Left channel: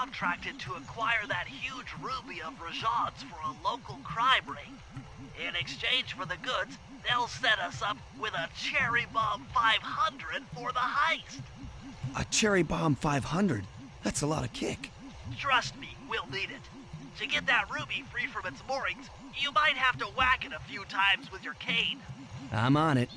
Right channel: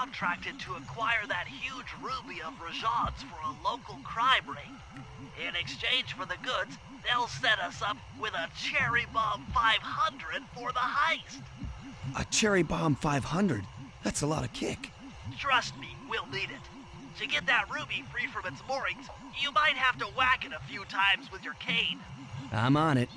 Contracted to acquire that huge ruby of Rajad's for a local crime ring. In exchange for the goods, they'll set us up with a Cherry Bomb 500 for the heist. A Cherry Bomb 500? That's a lot of kick. Trust me, we'll need it. To get that ruby free from its moorings, you might have to whack it a few times with your cane. I'm on it.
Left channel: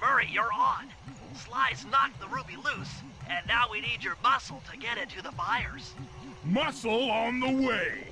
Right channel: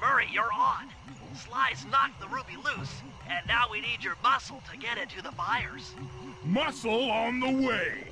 Murray, you're on. Sly's knocked the ruby loose, and now we need your muscle to get it to the buyers. Muscle on the way!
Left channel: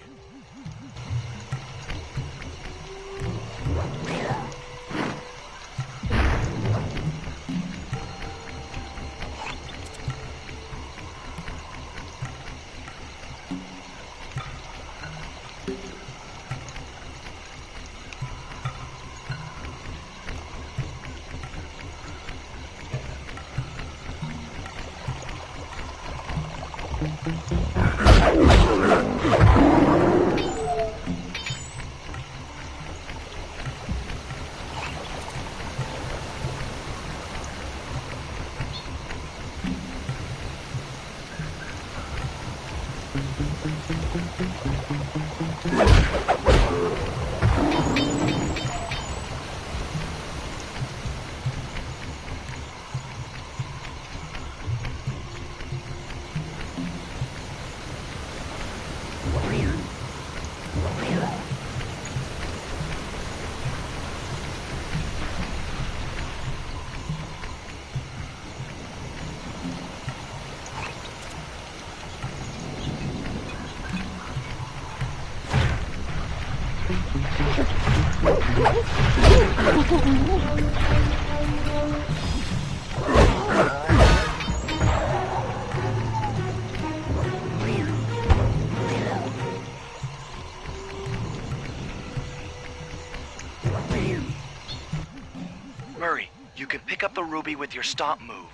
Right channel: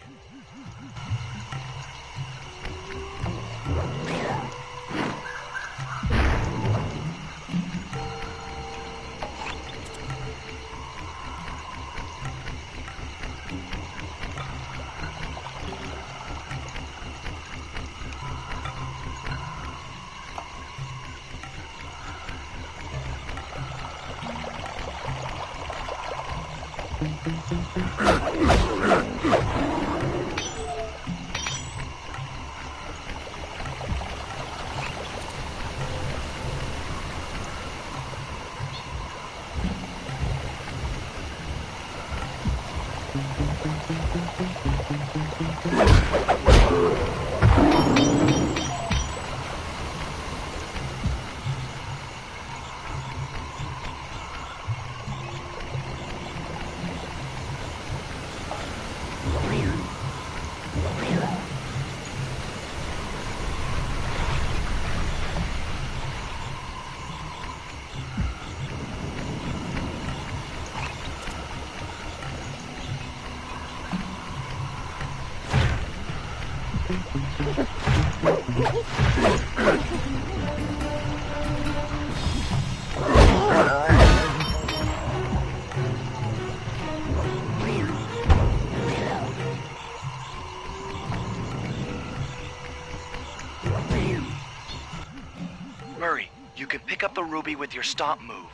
Murray, you can pick up the ruby with your stomp move.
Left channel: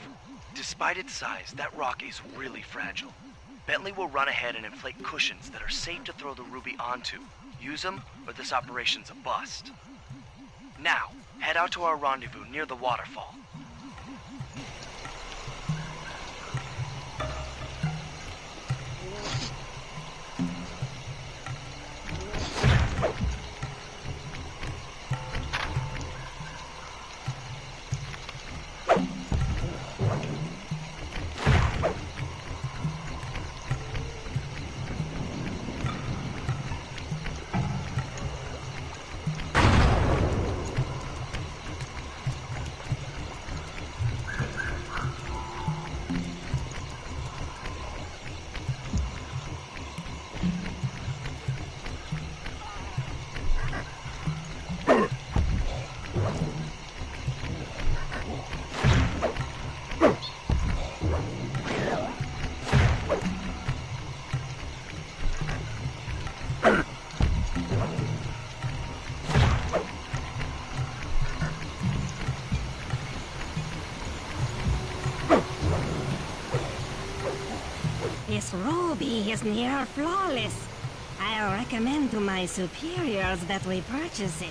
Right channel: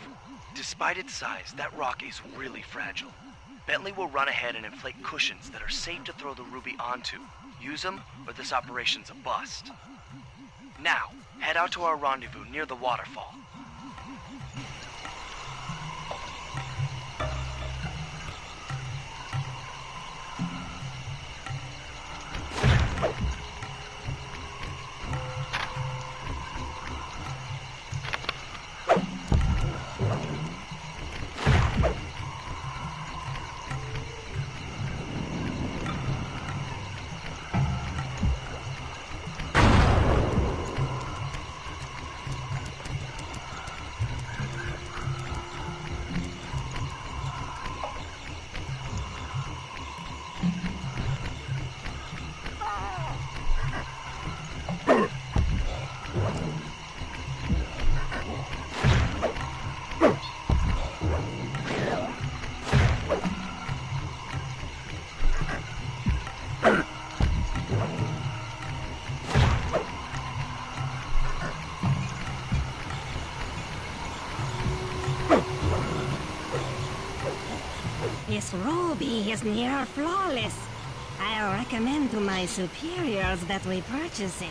Despite its size, that rock is really fragile. Bentley will run ahead and inflate cushions that are safe to throw the ruby onto. Use them, or this operation's a bust. Now, head out to our rendezvous near the waterfall. This ruby is near flawless. I'll recommend to my superiors that we purchase it.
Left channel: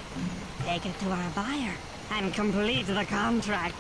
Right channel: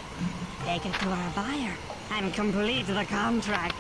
Take it to our buyer and complete the contract.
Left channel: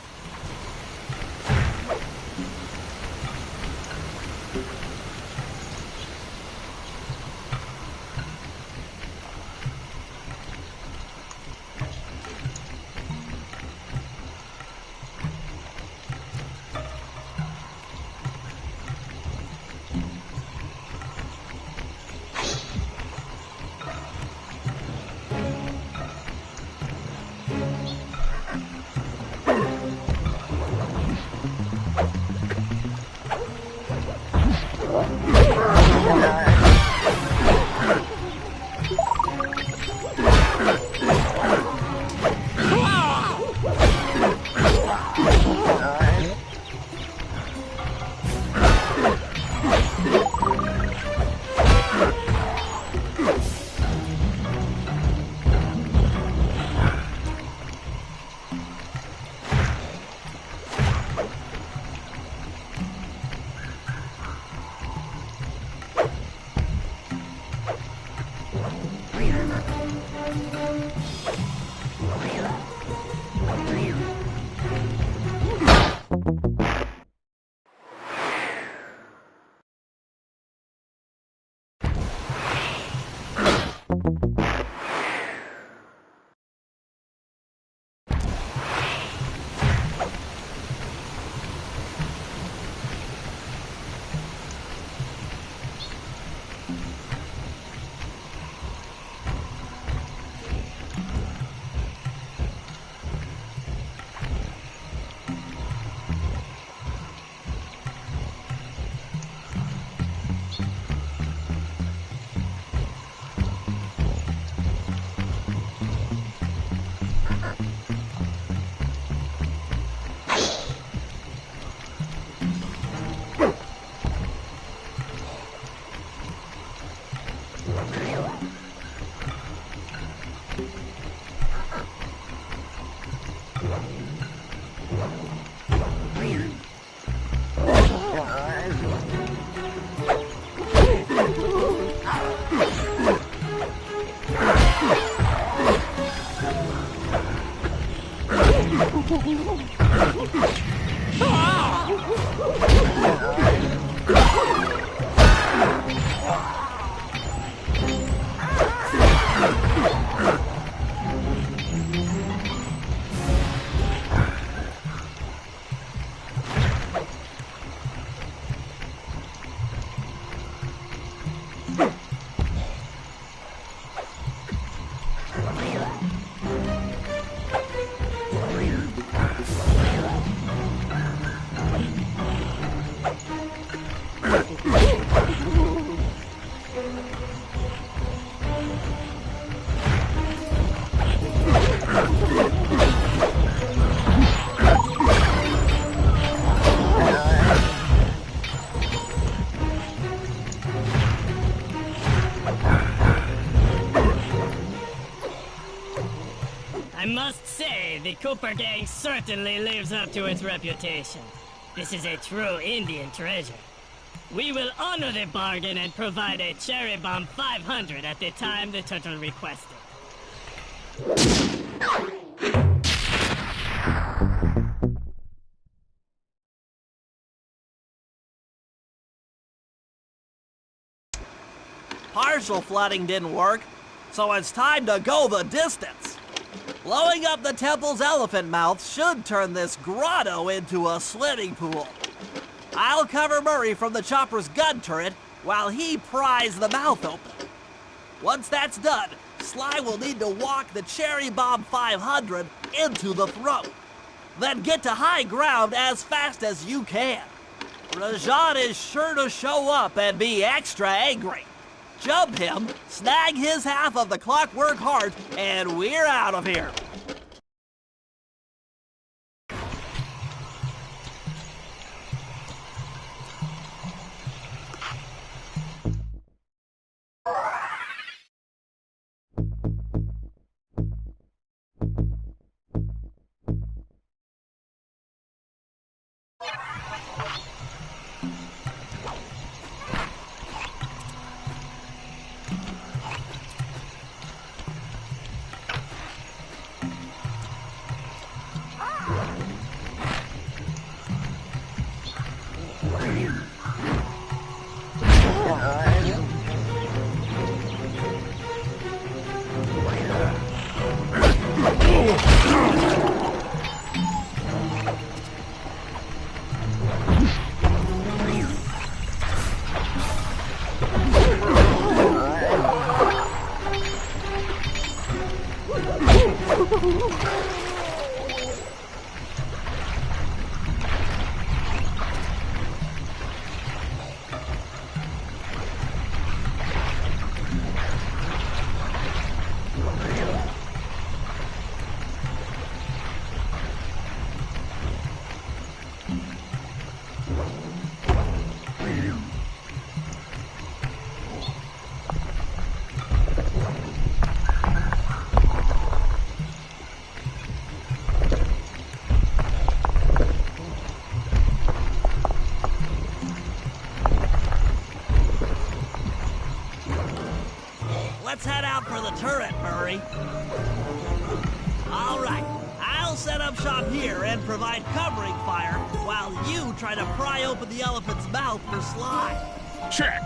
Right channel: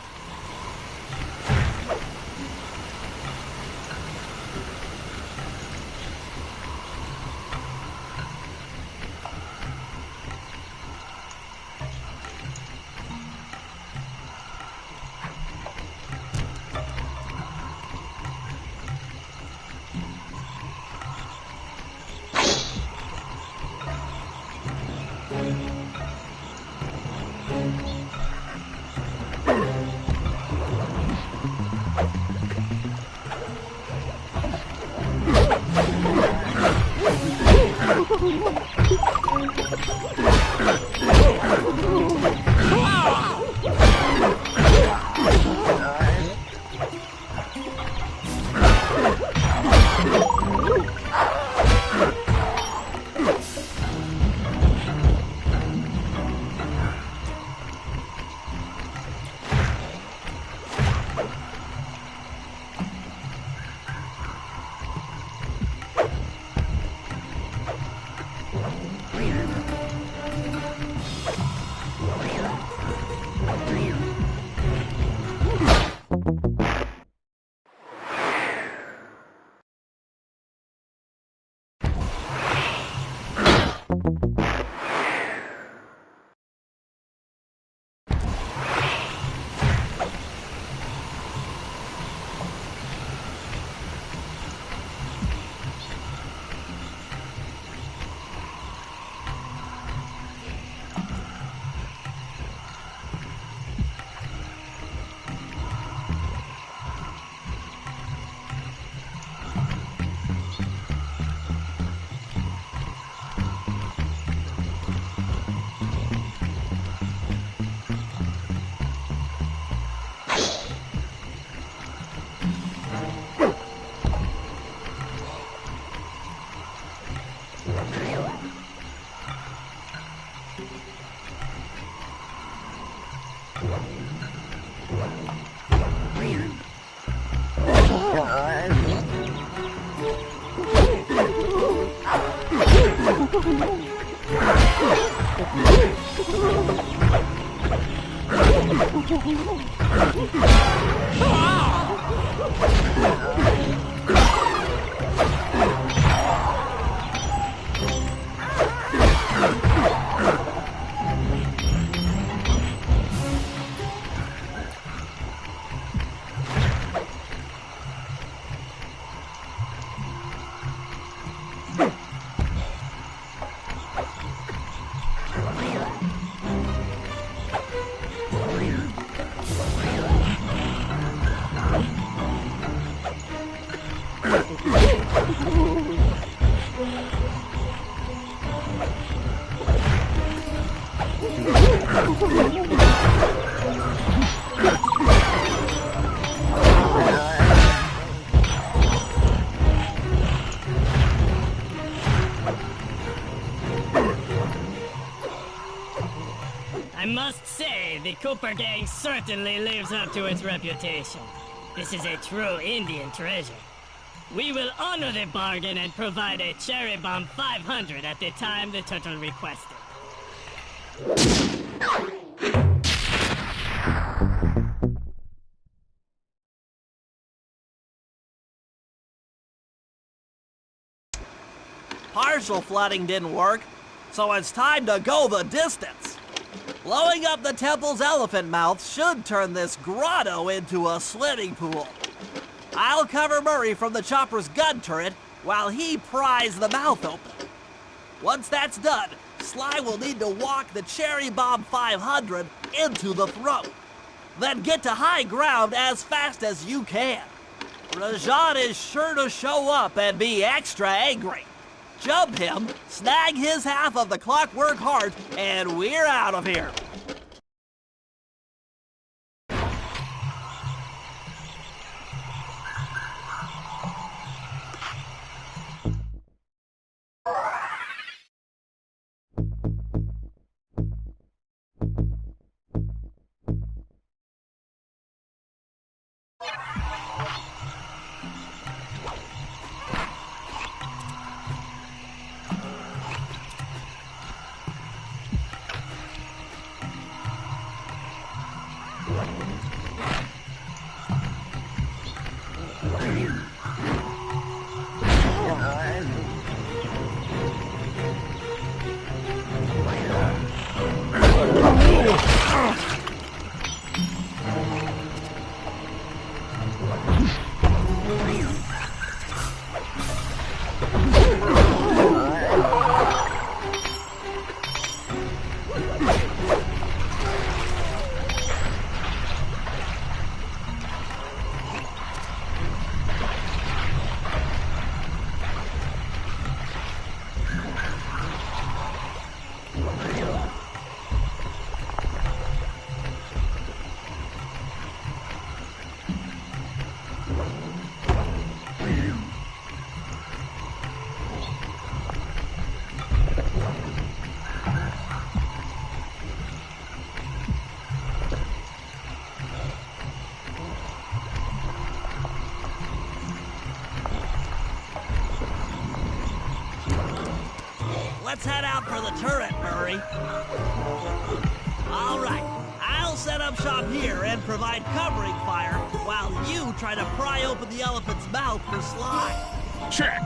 I must say, the Cooper Gang certainly lives up to its reputation. This is a true Indian treasure. We will honor the bargain and provide a Cherry Bomb 500 at the time the turtle requested. Partial flooding didn't work, so it's time to go the distance. Blowing up the temple's elephant mouth should turn this grotto into a swimming pool. I'll cover Murray from the chopper's gun turret while he pries the mouth open. Once that's done, Sly will need to walk the Cherry Bomb 500 into the throat. Then get to high ground as fast as you can. Rajan is sure to show up and be extra angry. Jump him, snag his half of the Clockwork Heart, and we're out of here. Let's head out for the turret, Murray. All right, I'll set up shop here and provide covering fire while you try to pry open the elephant's mouth for Sly. Check.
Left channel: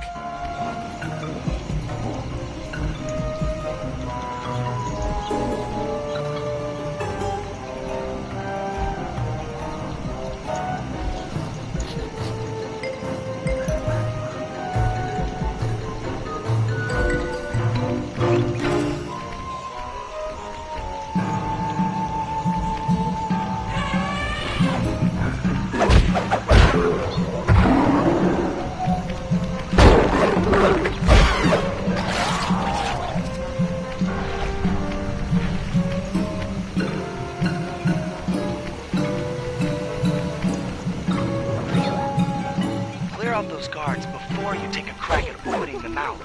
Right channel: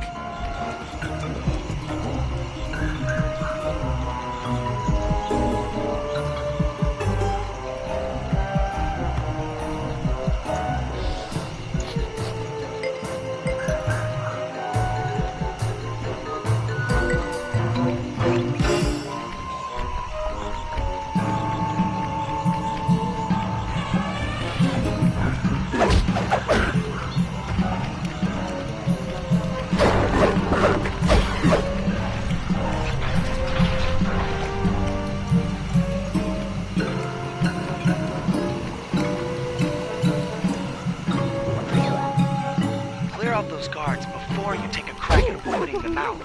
Out those guards before you take a crack at opening the mouth.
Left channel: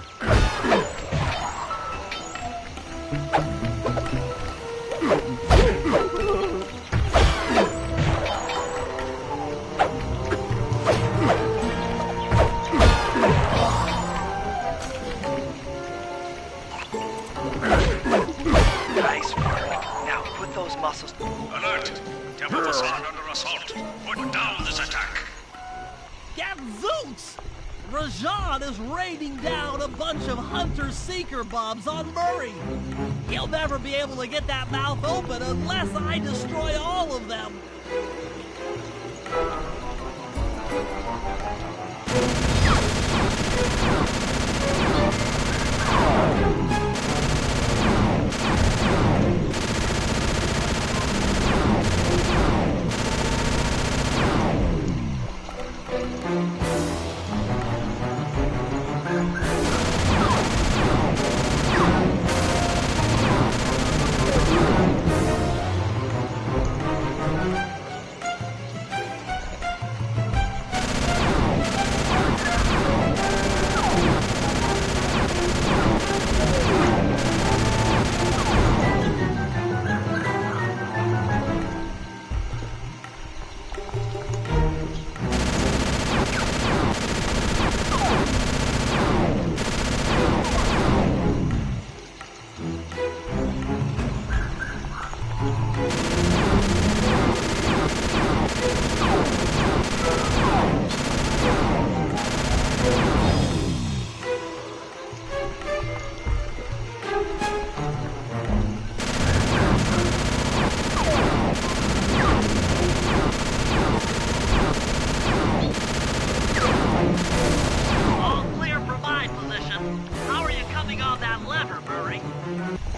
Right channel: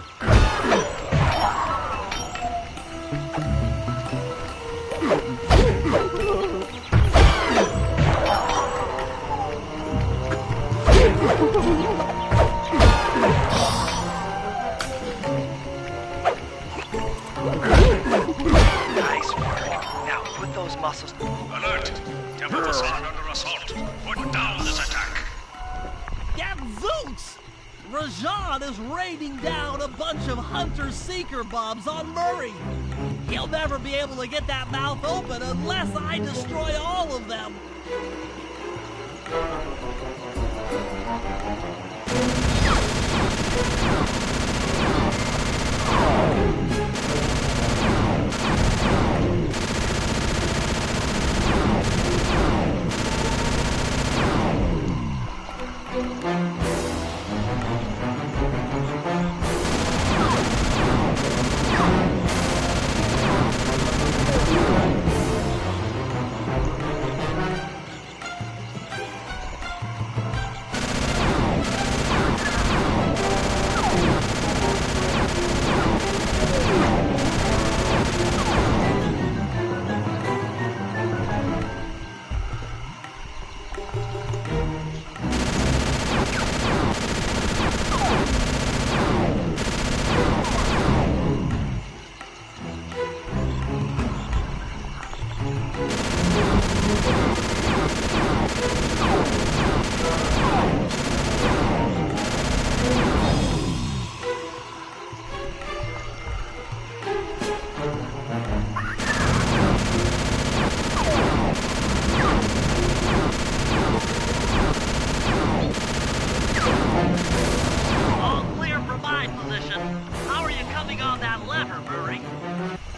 Nice work. Now put those muscles... Alert! Temple's Gadzooks! Rajan is raining down a bunch of hunter-seeker bombs on Murray. He'll never be able to get that mouth open unless I destroy all of them.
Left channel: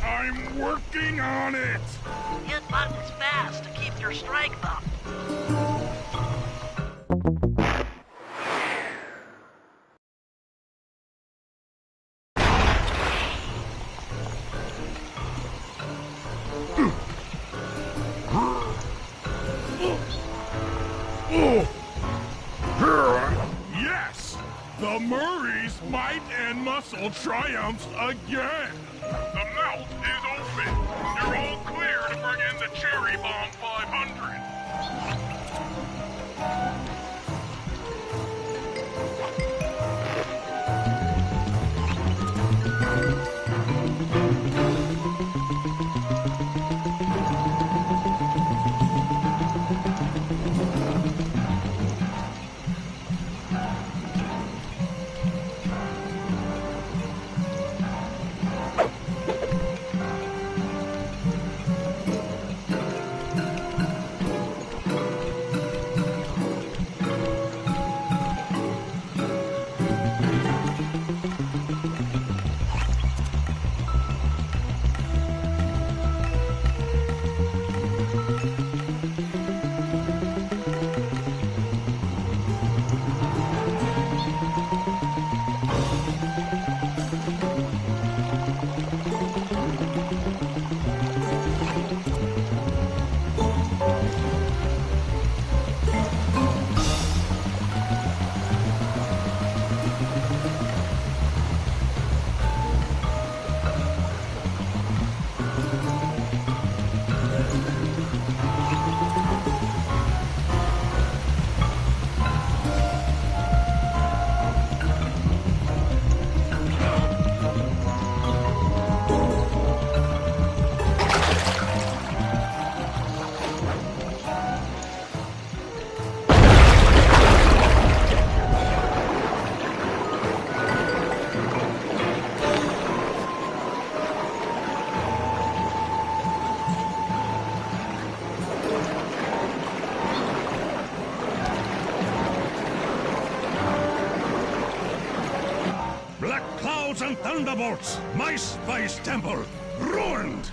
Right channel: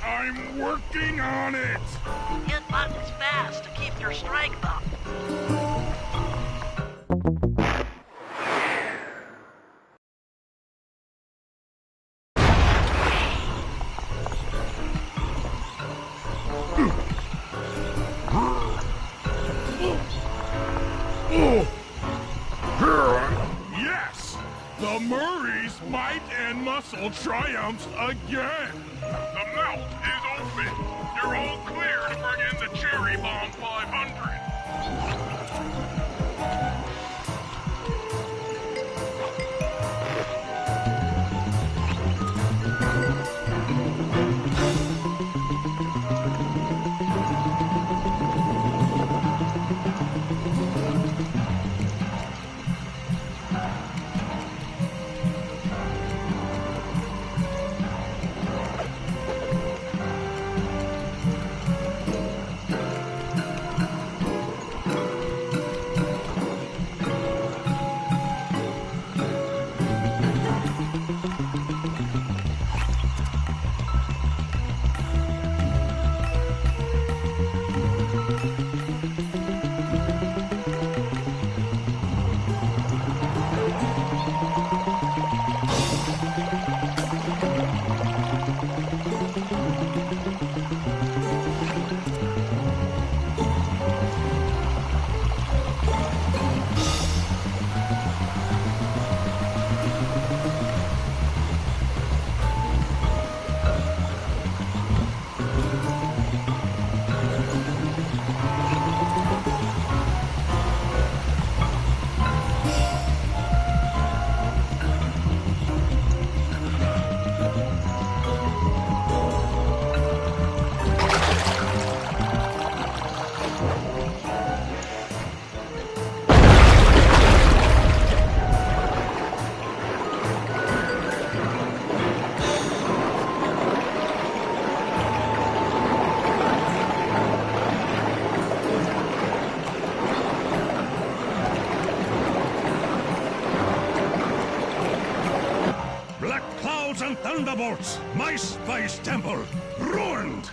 I'm working on it! Hit buttons fast to keep your strength up. Yes! The Murray's might and muscle triumphs again! The mouth is open! You're all clear to bring in the Cherry Bomb 500! And thunderbolts! My spice temple ruined!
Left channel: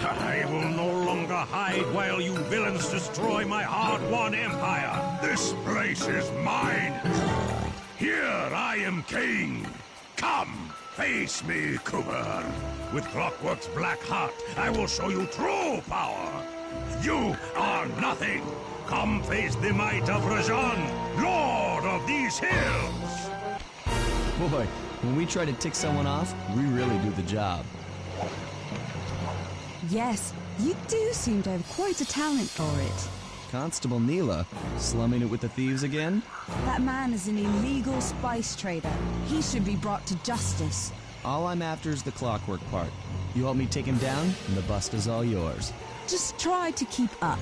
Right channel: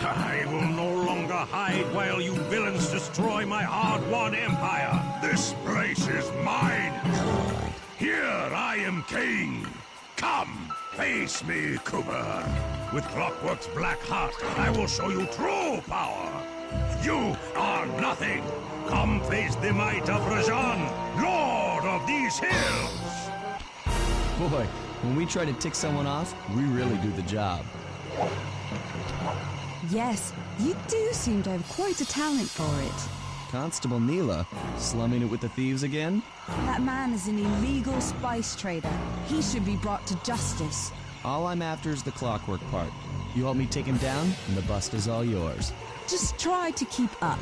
I will no longer hide while you villains destroy my hard-won empire! This place is mine! Here I am king! Come, face me, Cooper! With Clockwork's black heart, I will show you true power! You are nothing! Come face the might of Rajan, Lord of these hills! Boy, when we try to tick someone off, we really do the job. Yes, you do seem to have quite a talent for it. Constable Neela, slumming it with the thieves again? That man is an illegal spice trader. He should be brought to justice. All I'm after is the clockwork part. You help me take him down, and the bust is all yours. Just try to keep up.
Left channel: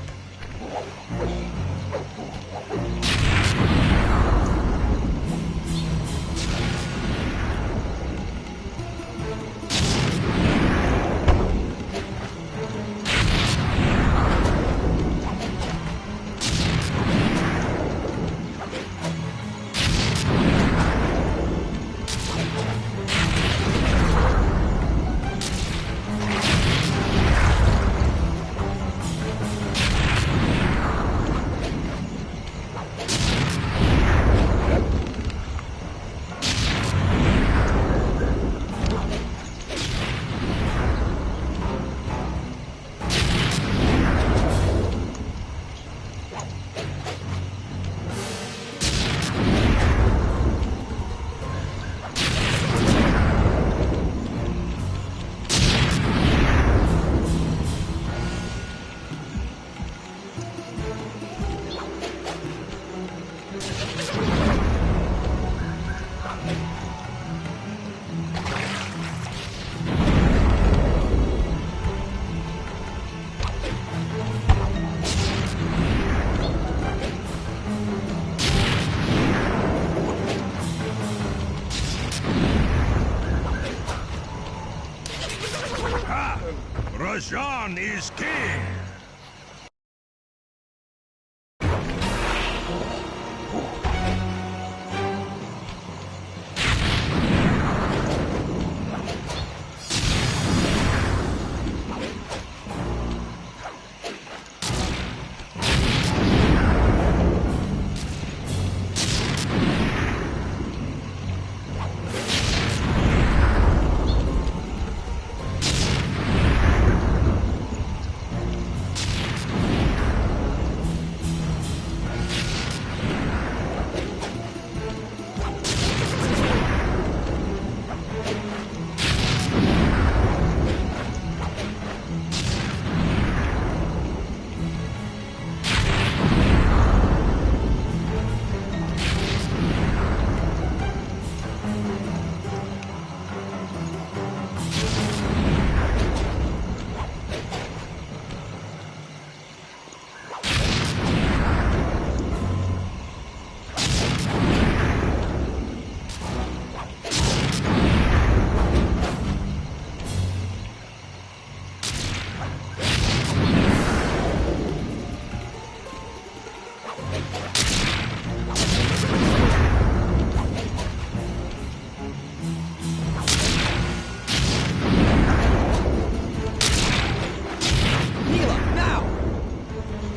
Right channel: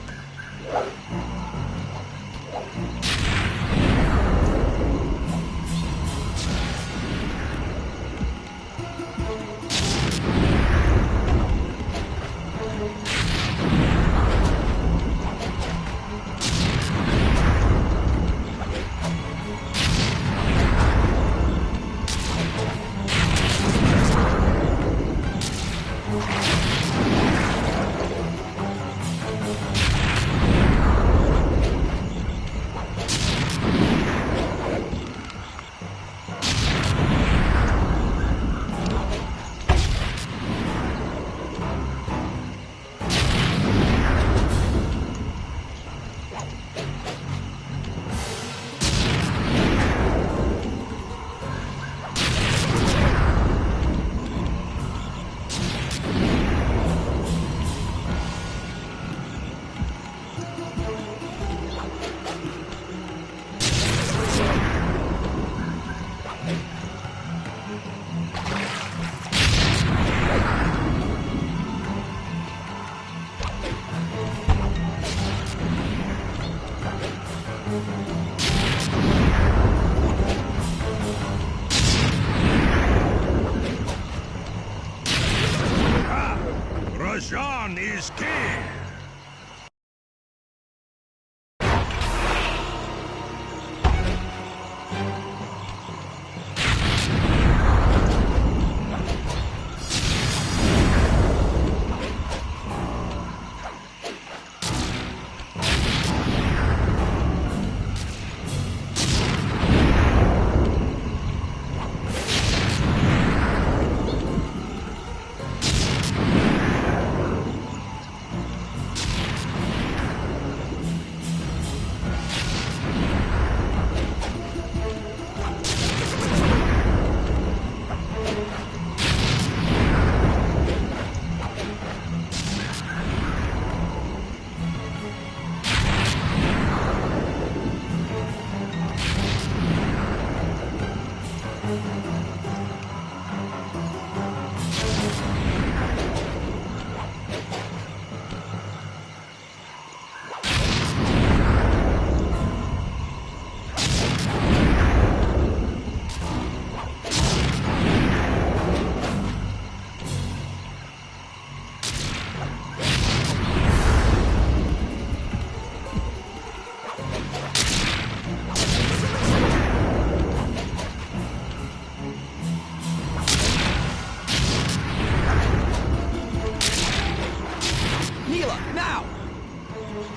Illusion is king!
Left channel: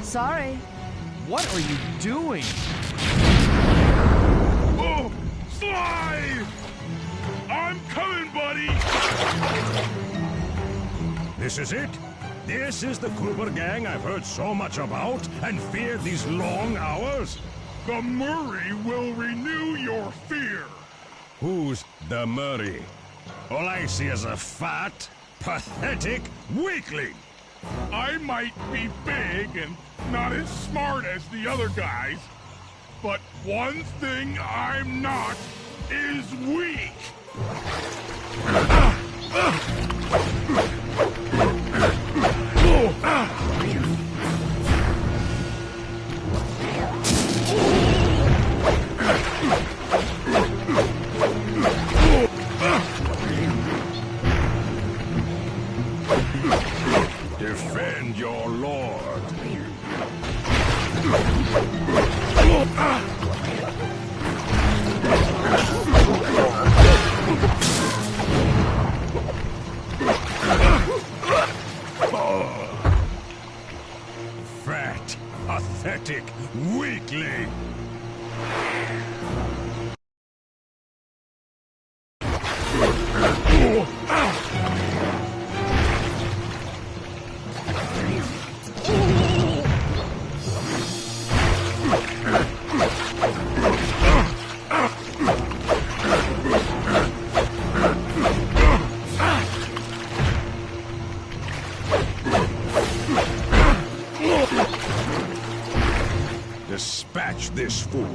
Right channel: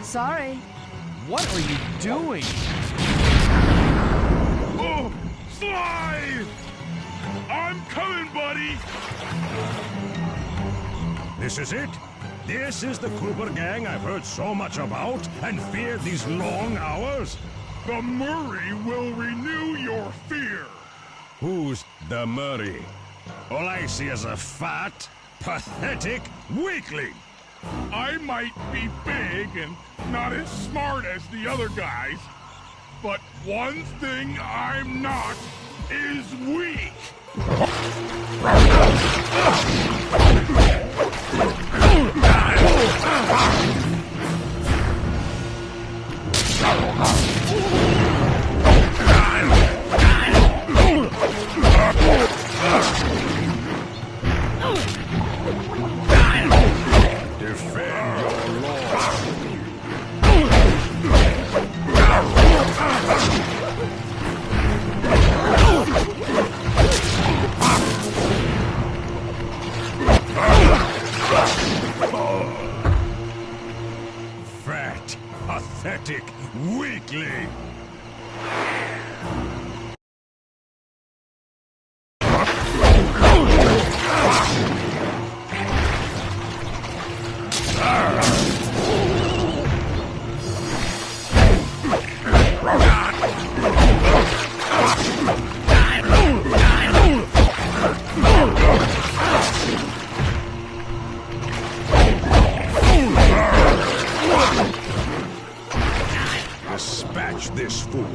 Sorry. What are you doing? Oh, Sly! I'm coming, buddy! This is it? This is the Cooper gang I've heard so much about and feared these long hours? The Murray will renew your fear. Who's the Murray? All I see is a fat, pathetic weakling. I might be big and not as smart as the other guys, but one thing I'm not is weak. Defend your lord. Fat, pathetic weakling. Dispatch this fool.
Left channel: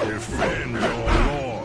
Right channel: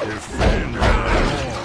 Defend your lord.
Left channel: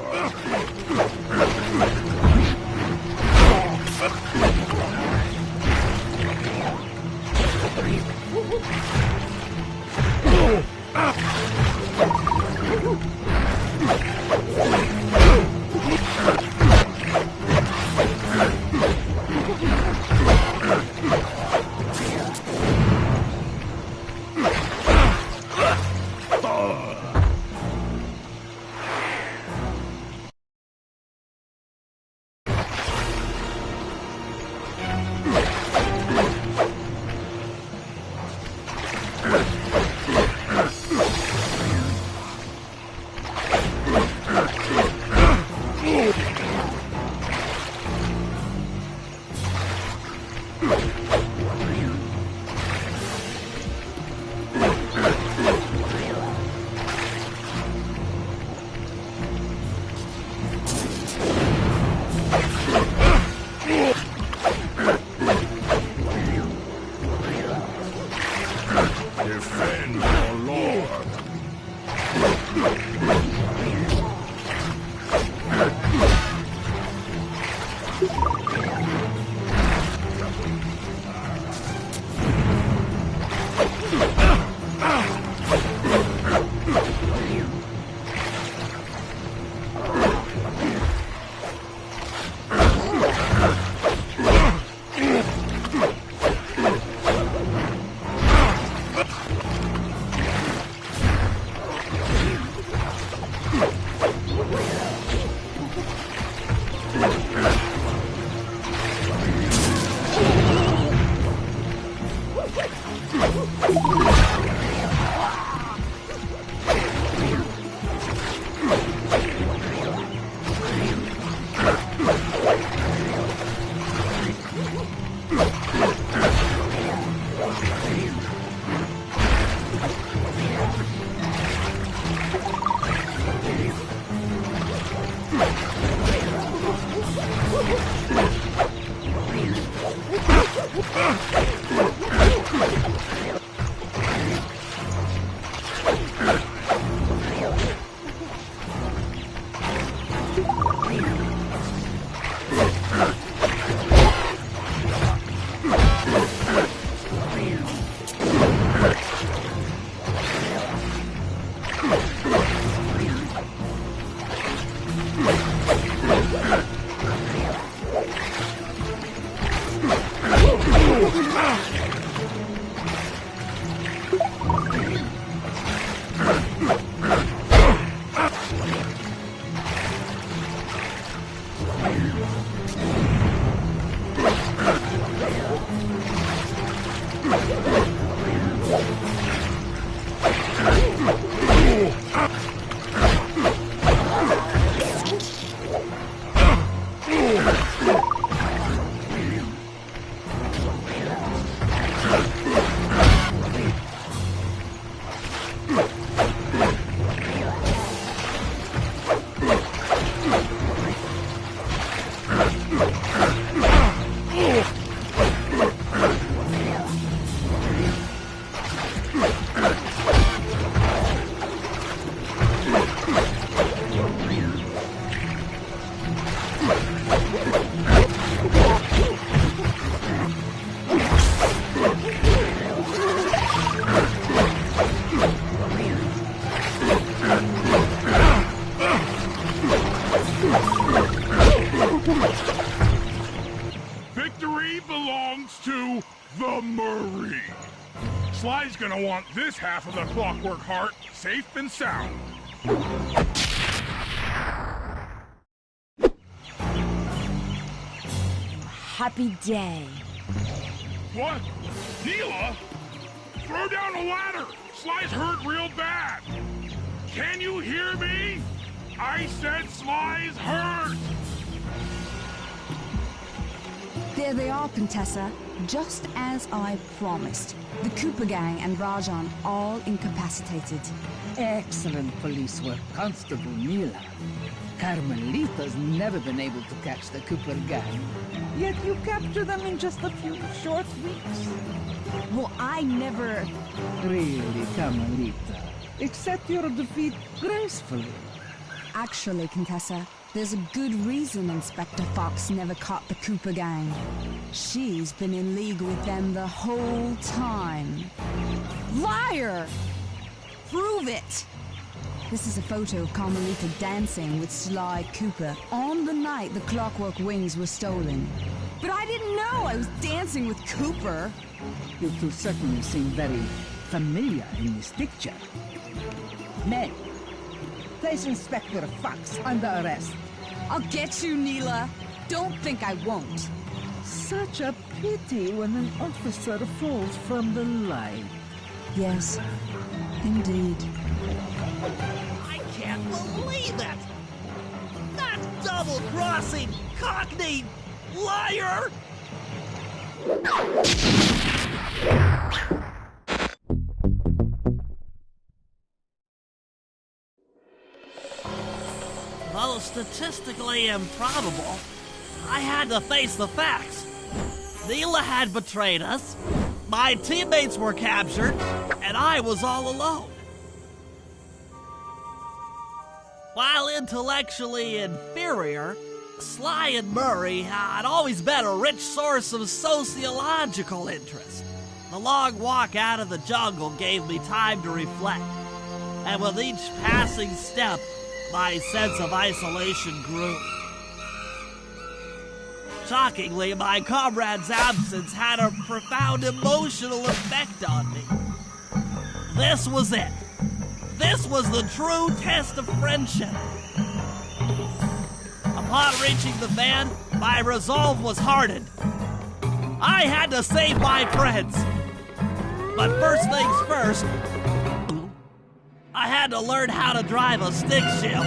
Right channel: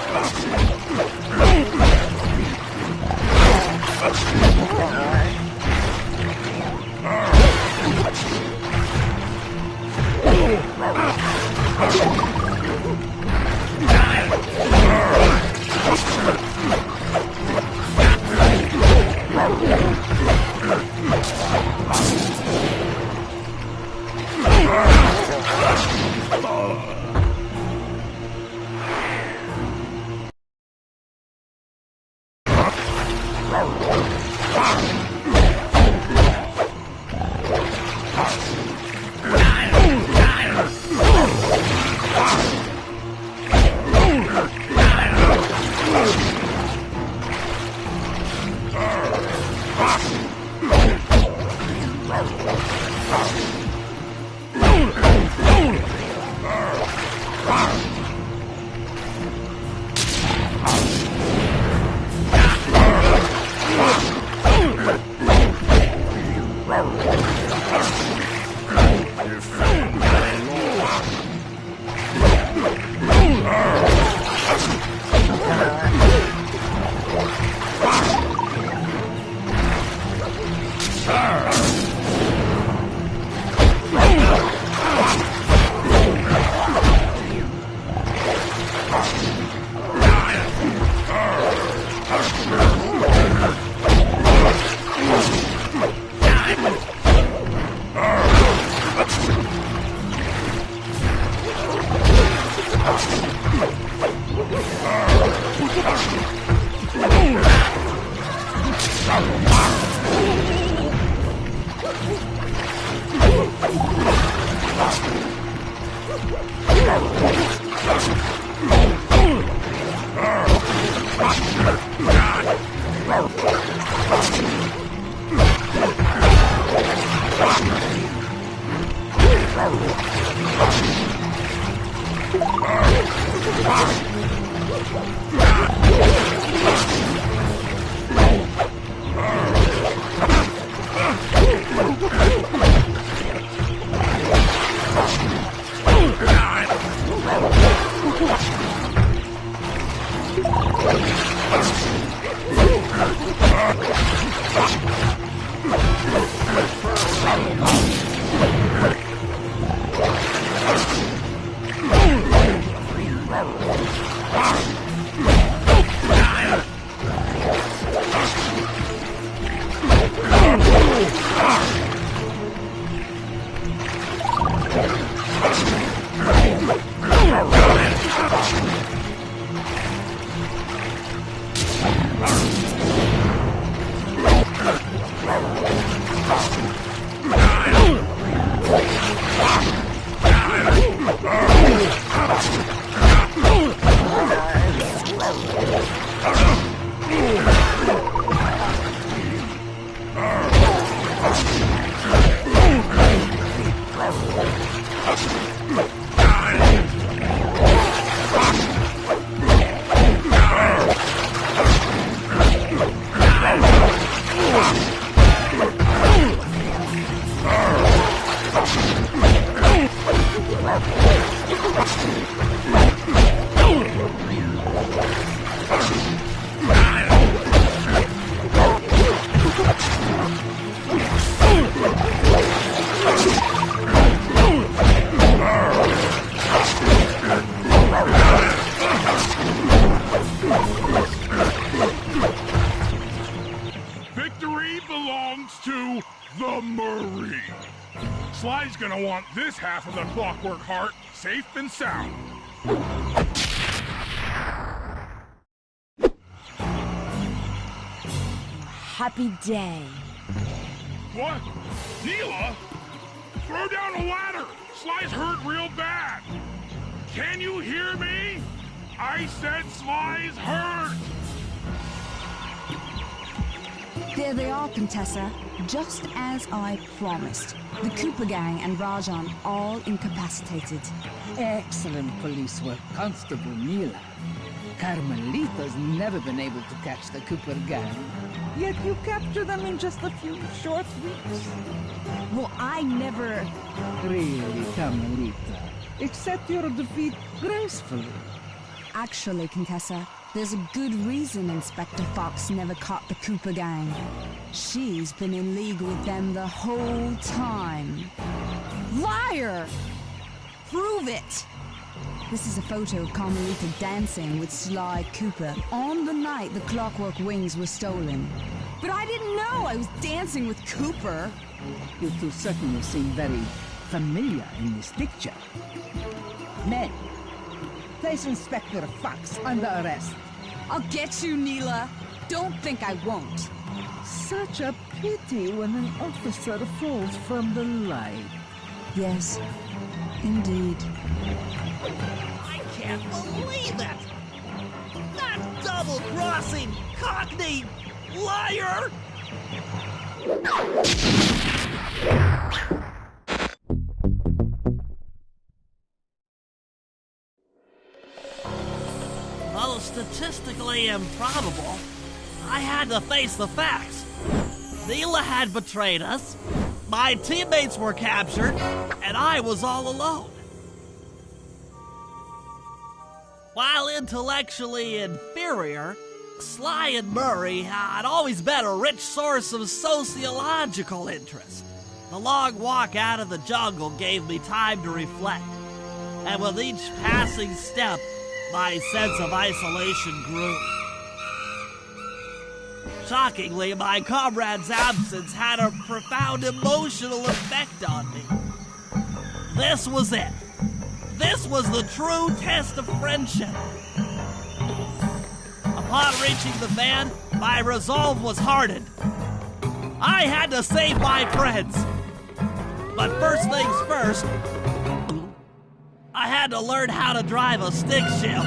Defend your lord. Victory belongs to the Murray. Sly's gonna want this half of the Clockwork Heart safe and sound. Happy day. What? Neela? Throw down a ladder! Sly's hurt real bad! Can you hear me? I said Sly's hurt! There they are, Contessa. Just as I promised. The Cooper Gang and Rajan all incapacitated. Excellent police work, Constable Neela. Carmelita's never been able to catch the Cooper Gang. Yet you captured them in just a few short weeks. Well, I never... Really, Carmelita. Accept your defeat gracefully. Actually, Contessa, there's a good reason Inspector Fox never caught the Cooper Gang. She's been in league with them the whole time. Liar! Prove it! This is a photo of Carmelita dancing with Sly Cooper on the night the Clockwork Wings were stolen. But I didn't know I was dancing with Cooper. You two certainly seem very familiar in this picture. Men, place Inspector Fox under arrest. I'll get you, Neela. Don't think I won't. Such a pity when an officer falls from the light. Yes, indeed. I can't believe it! That double-crossing, cockney liar! Though statistically improbable, I had to face the facts. Neela had betrayed us. My teammates were captured, and I was all alone. While intellectually inferior, Sly and Murray had always been a rich source of sociological interest. The long walk out of the jungle gave me time to reflect, and with each passing step, my sense of isolation grew. Shockingly, my comrade's absence had a profound emotional effect on me. This was it. This was the true test of friendship. Upon reaching the van, my resolve was hardened. I had to save my friends. But first things first, I had to learn how to drive a stick shift.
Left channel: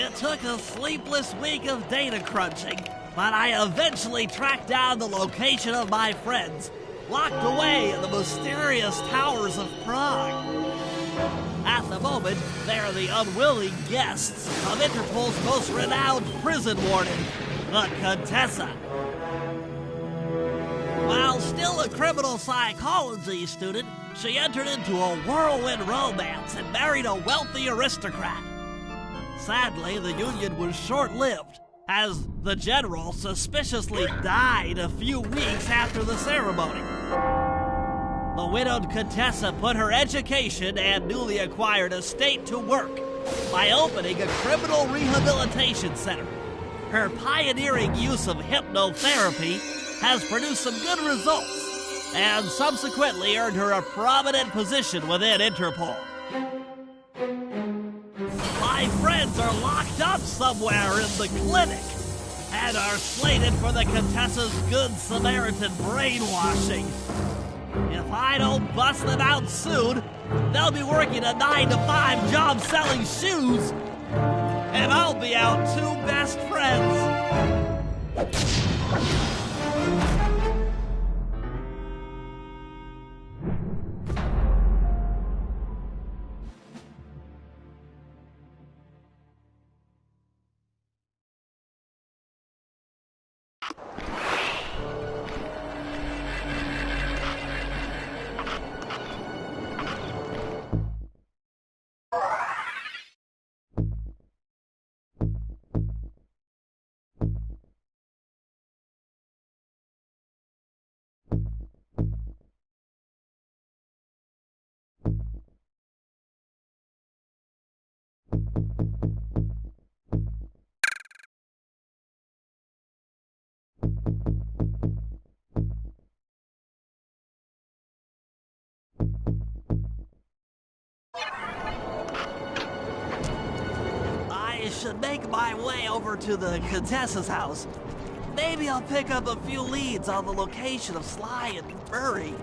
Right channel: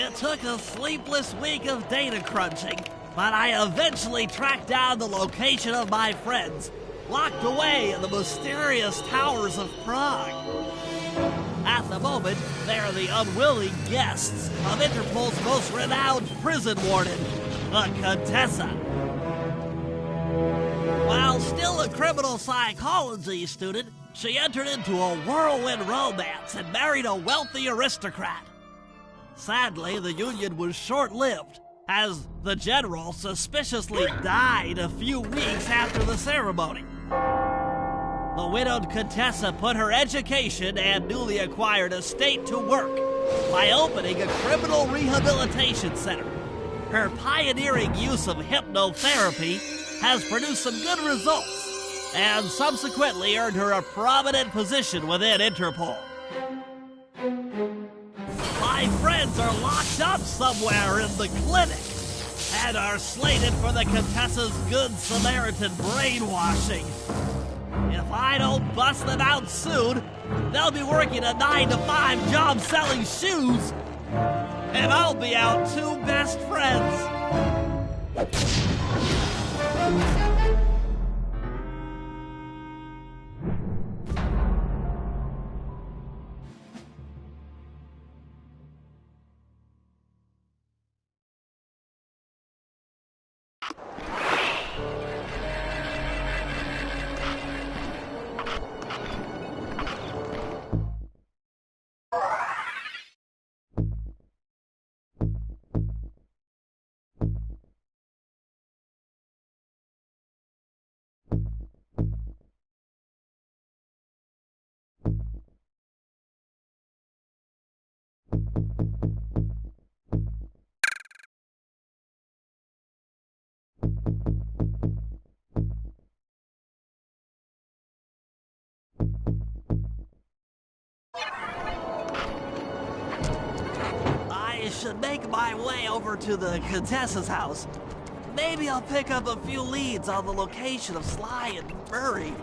It took a sleepless week of data crunching, but I eventually tracked down the location of my friends, locked away in the mysterious towers of Prague. At the moment, they are the unwilling guests of Interpol's most renowned prison warden, the Contessa. While still a criminal psychology student, she entered into a whirlwind romance and married a wealthy aristocrat. Sadly, the union was short-lived, as the general suspiciously died a few weeks after the ceremony. The widowed Contessa put her education and newly acquired estate to work by opening a criminal rehabilitation center. Her pioneering use of hypnotherapy has produced some good results, and subsequently earned her a prominent position within Interpol. My friends are locked up somewhere in the clinic and are slated for the Contessa's Good Samaritan brainwashing. If I don't bust them out soon, they'll be working a 9-to-5 job selling shoes, and I'll be out two best friends. I should make my way over to the Contessa's house. Maybe I'll pick up a few leads on the location of Sly and Murray.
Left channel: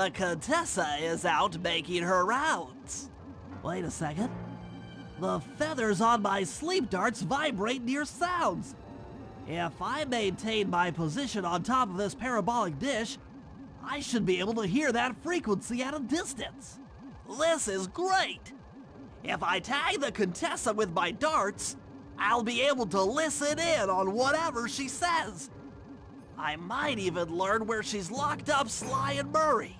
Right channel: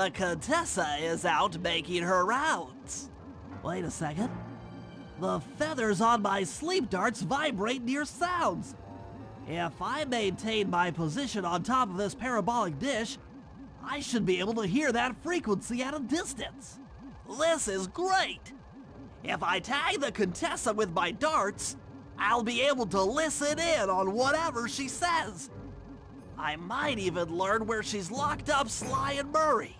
the Contessa is out making her rounds. Wait a second. The feathers on my sleep darts vibrate near sounds. If I maintain my position on top of this parabolic dish, I should be able to hear that frequency at a distance. This is great. If I tag the Contessa with my darts, I'll be able to listen in on whatever she says. I might even learn where she's locked up Sly and Murray.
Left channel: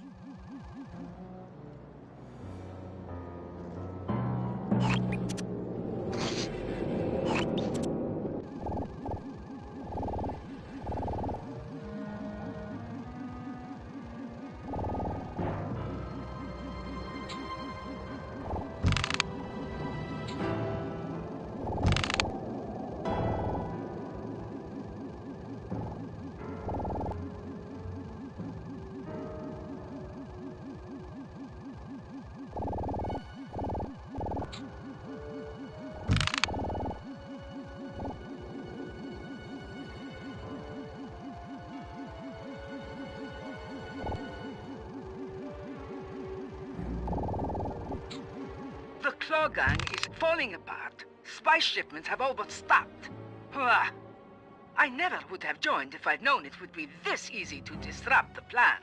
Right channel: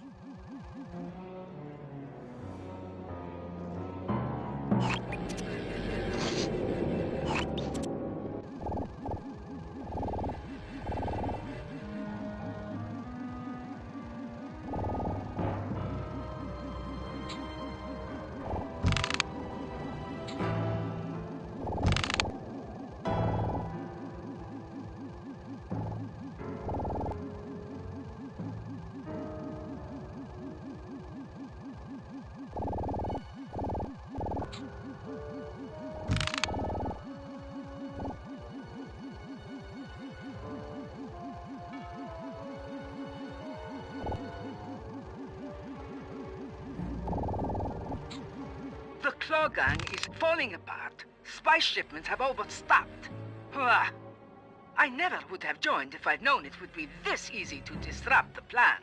The Claw Gang is falling apart. Spy shipments have all but stopped. I never would have joined if I'd known it would be this easy to disrupt the plan.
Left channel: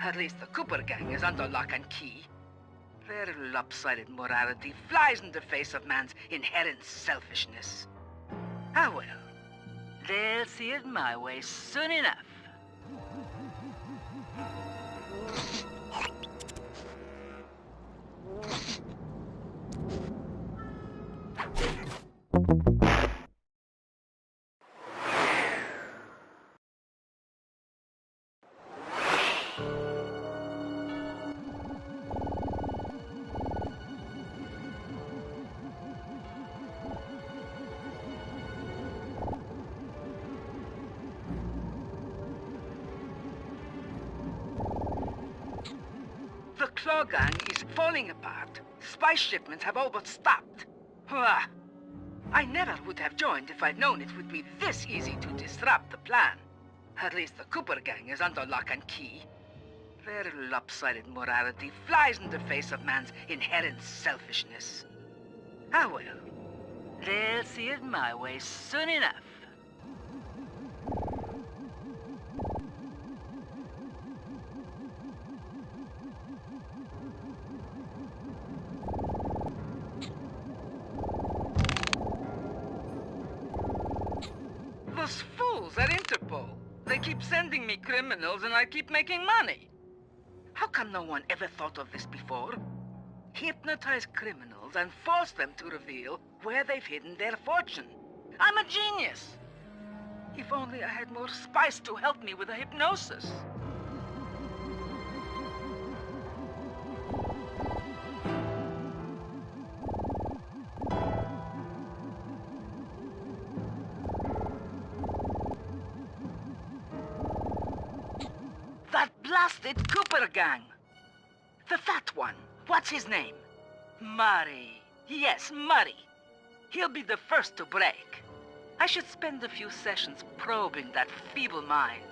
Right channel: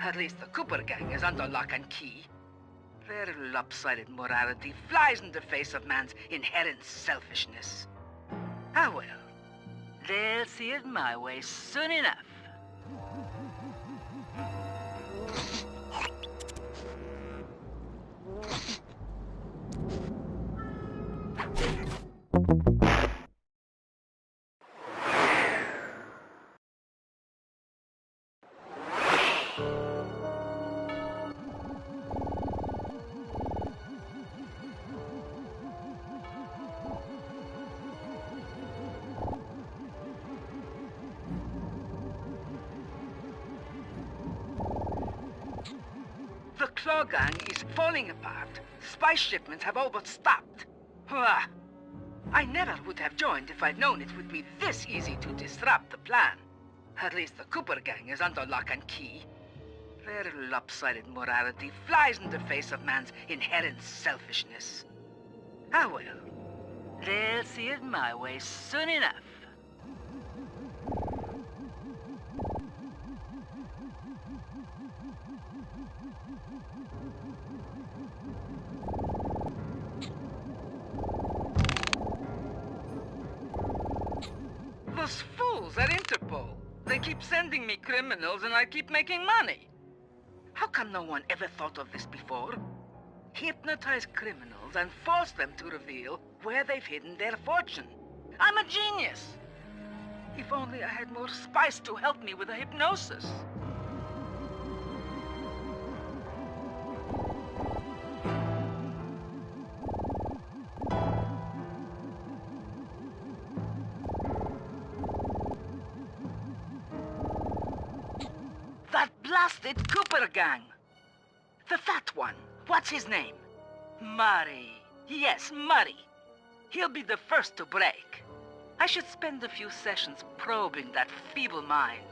At least the Cooper Gang is under lock and key. Their lopsided morality flies in the face of man's inherent selfishness. Ah well, they'll see it my way soon enough. The Claw Gang is falling apart. Spy shipments have all but stopped. I never would have joined if I'd known it would be this easy to disrupt the plan. At least the Cooper Gang is under lock and key. Their lopsided morality flies in the face of man's inherent selfishness. Ah well, they'll see it my way soon enough. Those fools at Interpol. They keep sending me criminals and I keep making money. How come no one ever thought of this before? Hypnotize criminals and force them to reveal where they've hidden their fortune. I'm a genius. If only I had more spice to help me with the hypnosis. That blasted Cooper Gang. The fat one. What's his name? Murray. Yes, Murray. He'll be the first to break. I should spend a few sessions probing that feeble mind.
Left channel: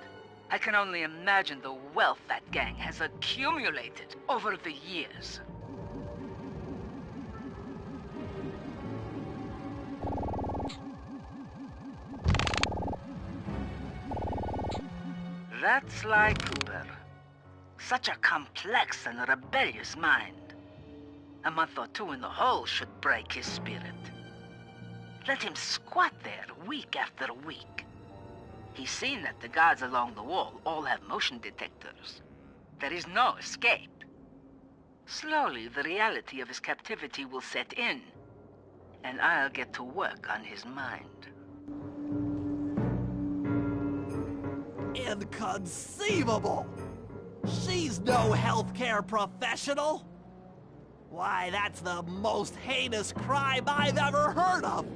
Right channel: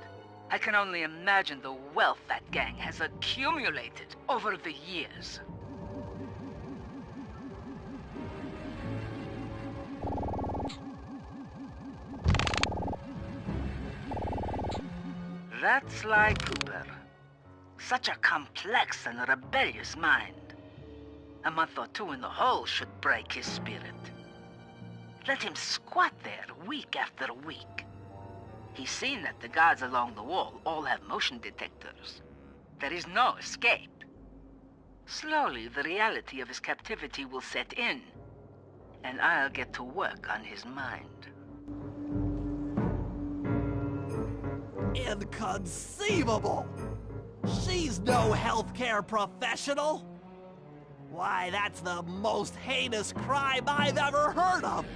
I can only imagine the wealth that gang has accumulated over the years. That's Sly Cooper. Such a complex and rebellious mind. A month or two in the hole should break his spirit. Let him squat there week after week. He's seen that the guards along the wall all have motion detectors. There is no escape. Slowly, the reality of his captivity will set in, and I'll get to work on his mind. Inconceivable! She's no healthcare professional! Why, that's the most heinous crime I've ever heard of!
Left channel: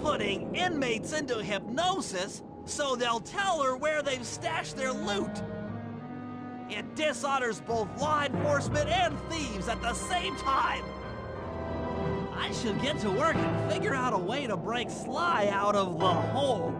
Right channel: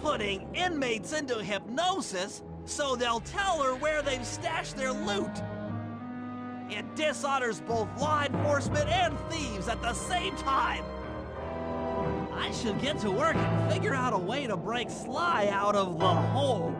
Putting inmates into hypnosis so they'll tell her where they've stashed their loot! It dishonors both law enforcement and thieves at the same time! I should get to work and figure out a way to break Sly out of the hole.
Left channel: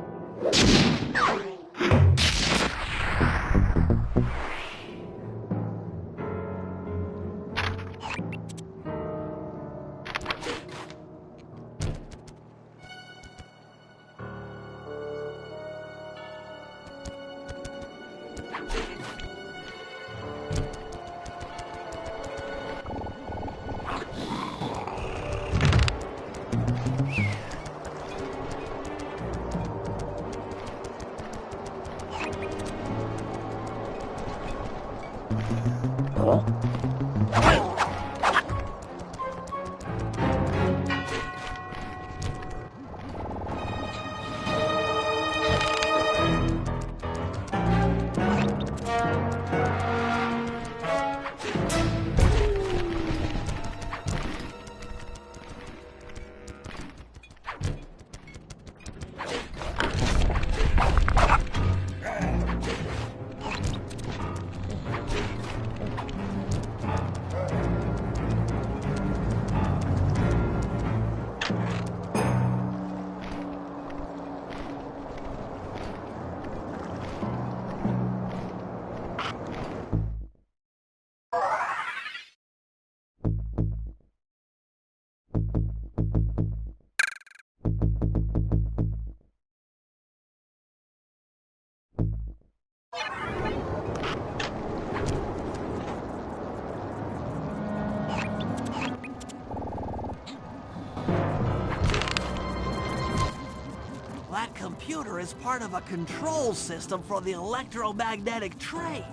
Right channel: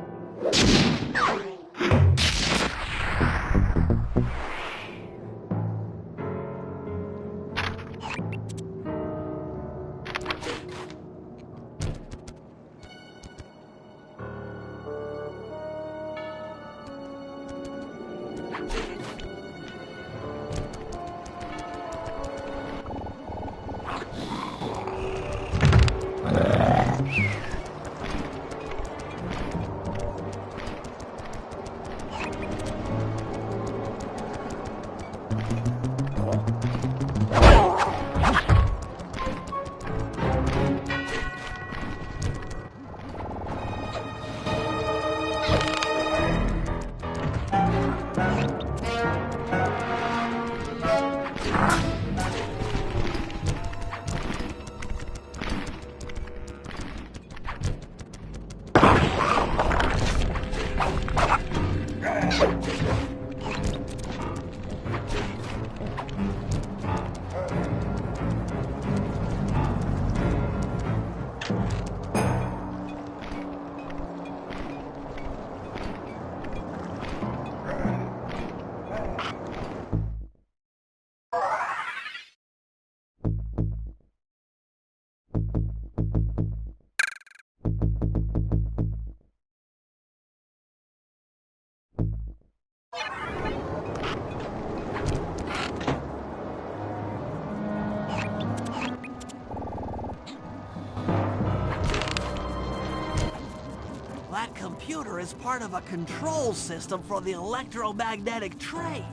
That computer is part of a control system for the electromagnetic train.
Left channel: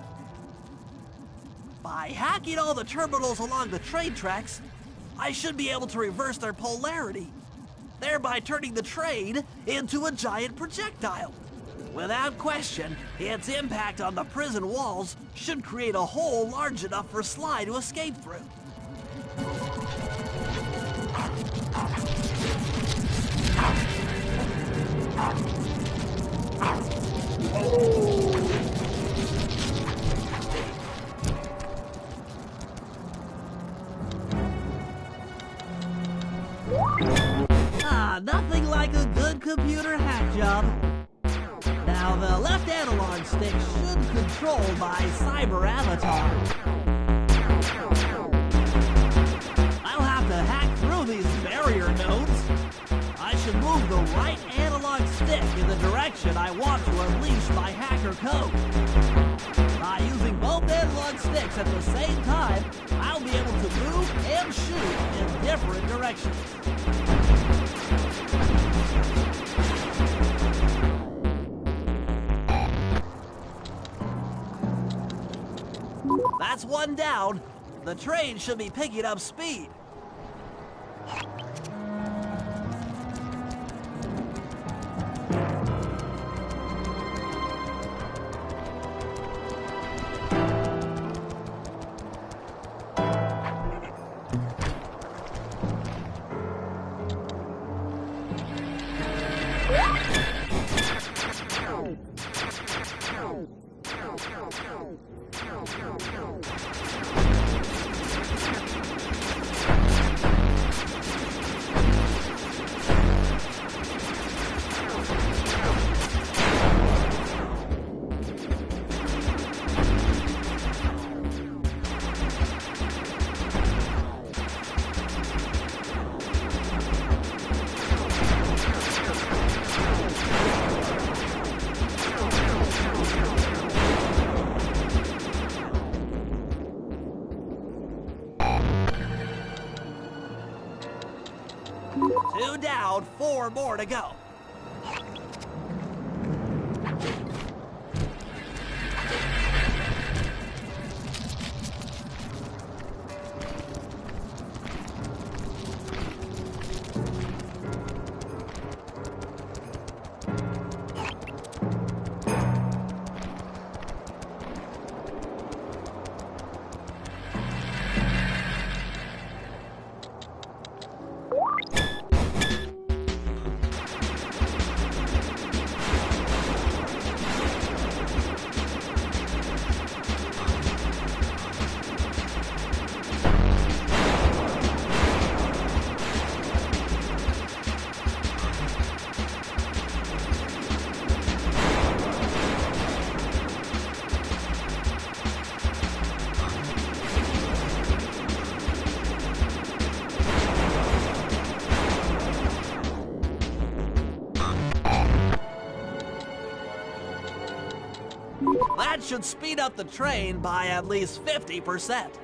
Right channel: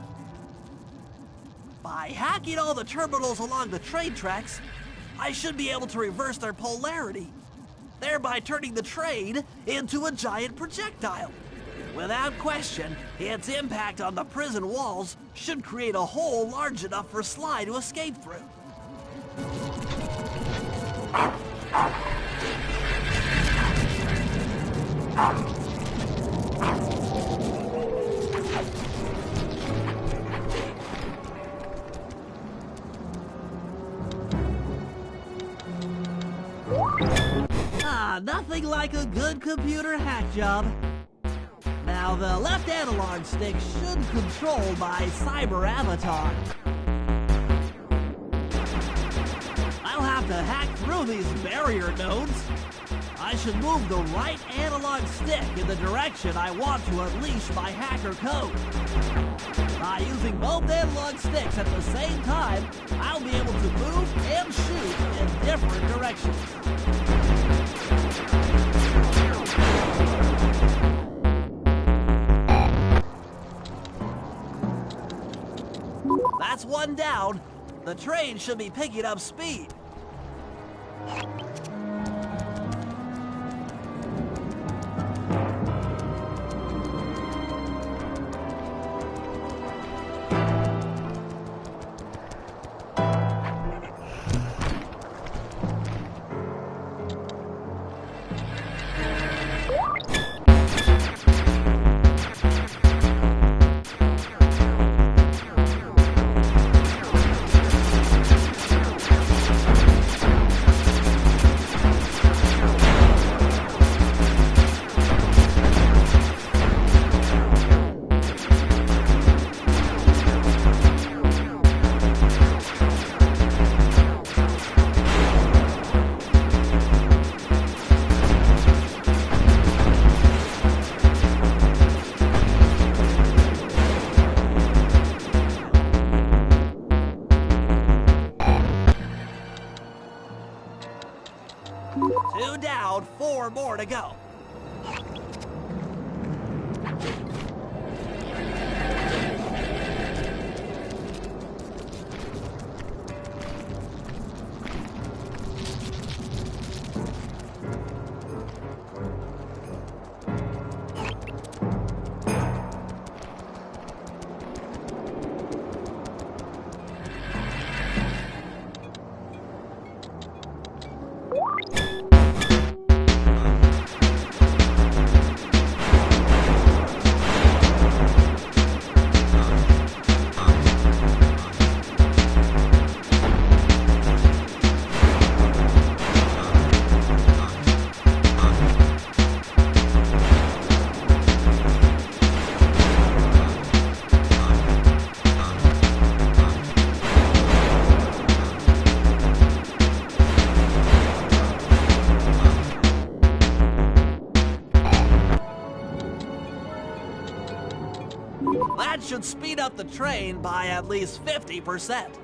By hacking all the terminals along the train tracks, I should be able to reverse their polarity, thereby turning the train into a giant projectile. Without question, its impact on the prison walls should create a hole large enough for Sly to escape through. Nothing like a good computer hack job. Now, the left analog stick should control my cyber avatar. I'll have to hack through these barrier nodes. I should move the right analog stick in the direction I want to unleash my hacker code. By using both analog sticks at the same time, I'll be able to move and shoot in different directions. That's one down. The train should be picking up speed. Two down, 4 more to go. That should speed up the train by at least 50%.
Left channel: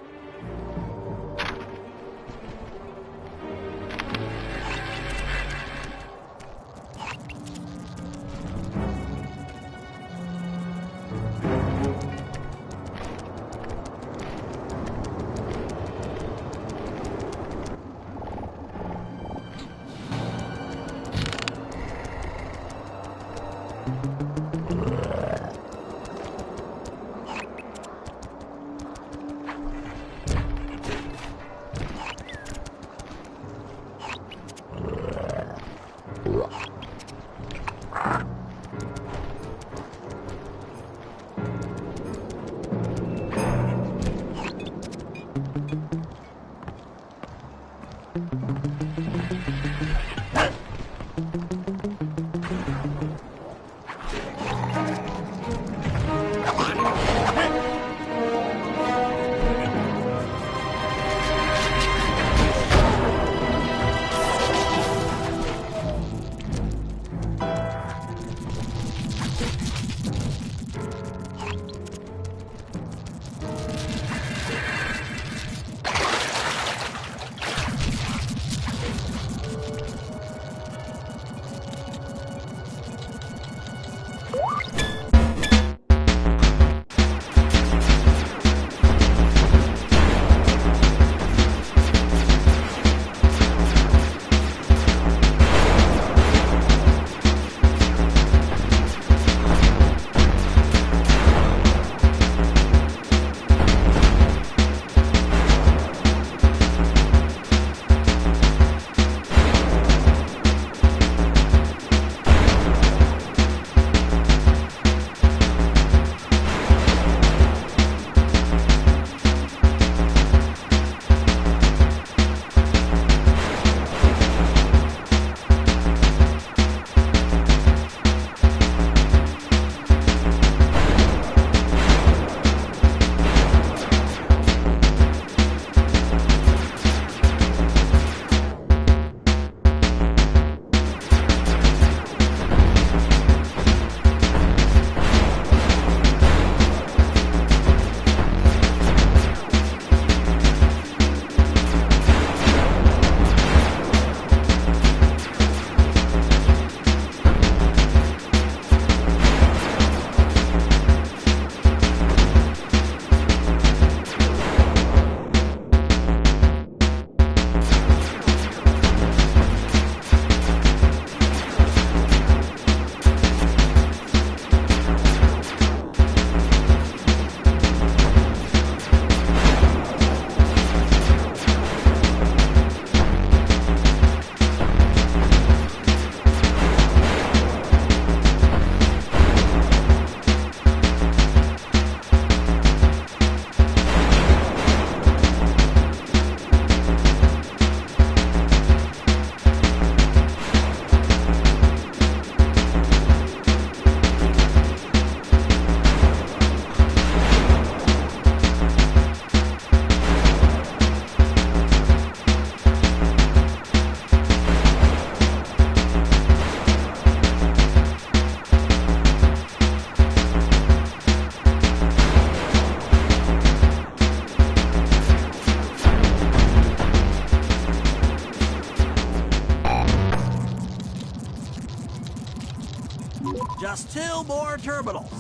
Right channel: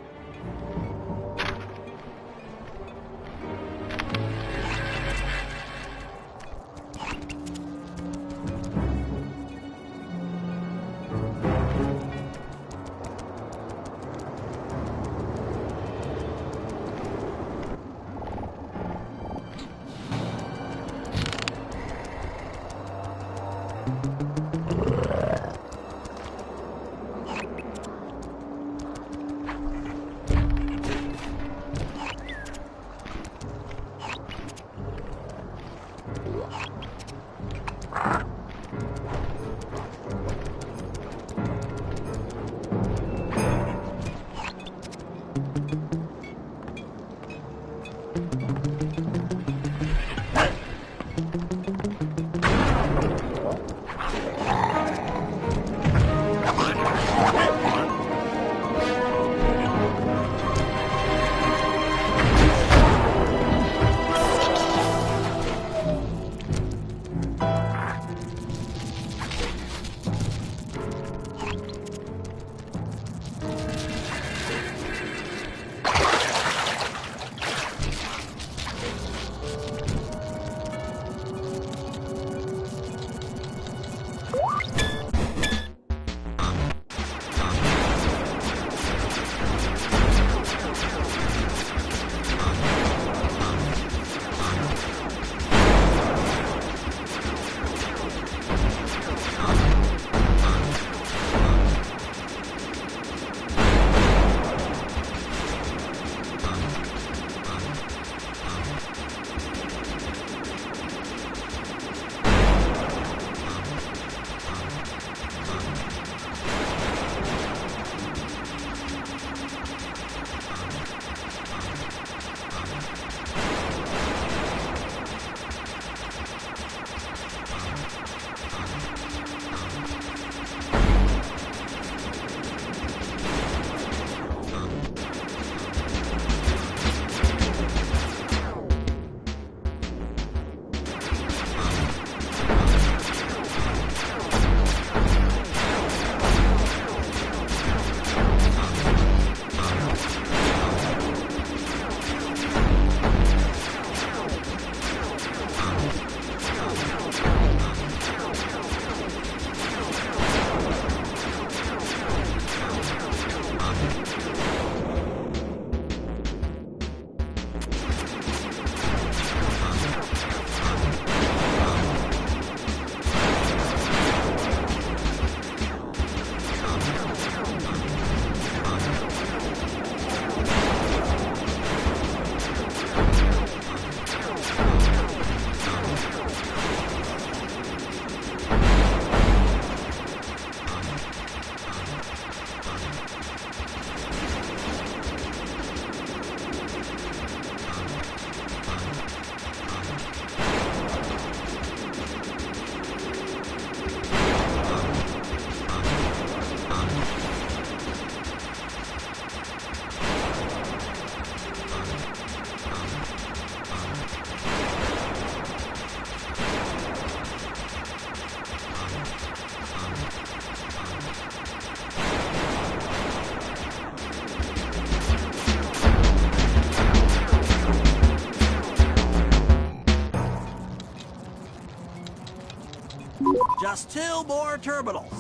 Just 2 more terminals.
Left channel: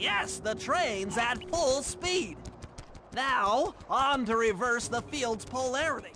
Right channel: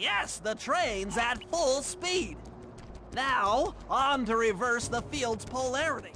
Yes, the train's at full speed. Now, on to reverse the field's polarity.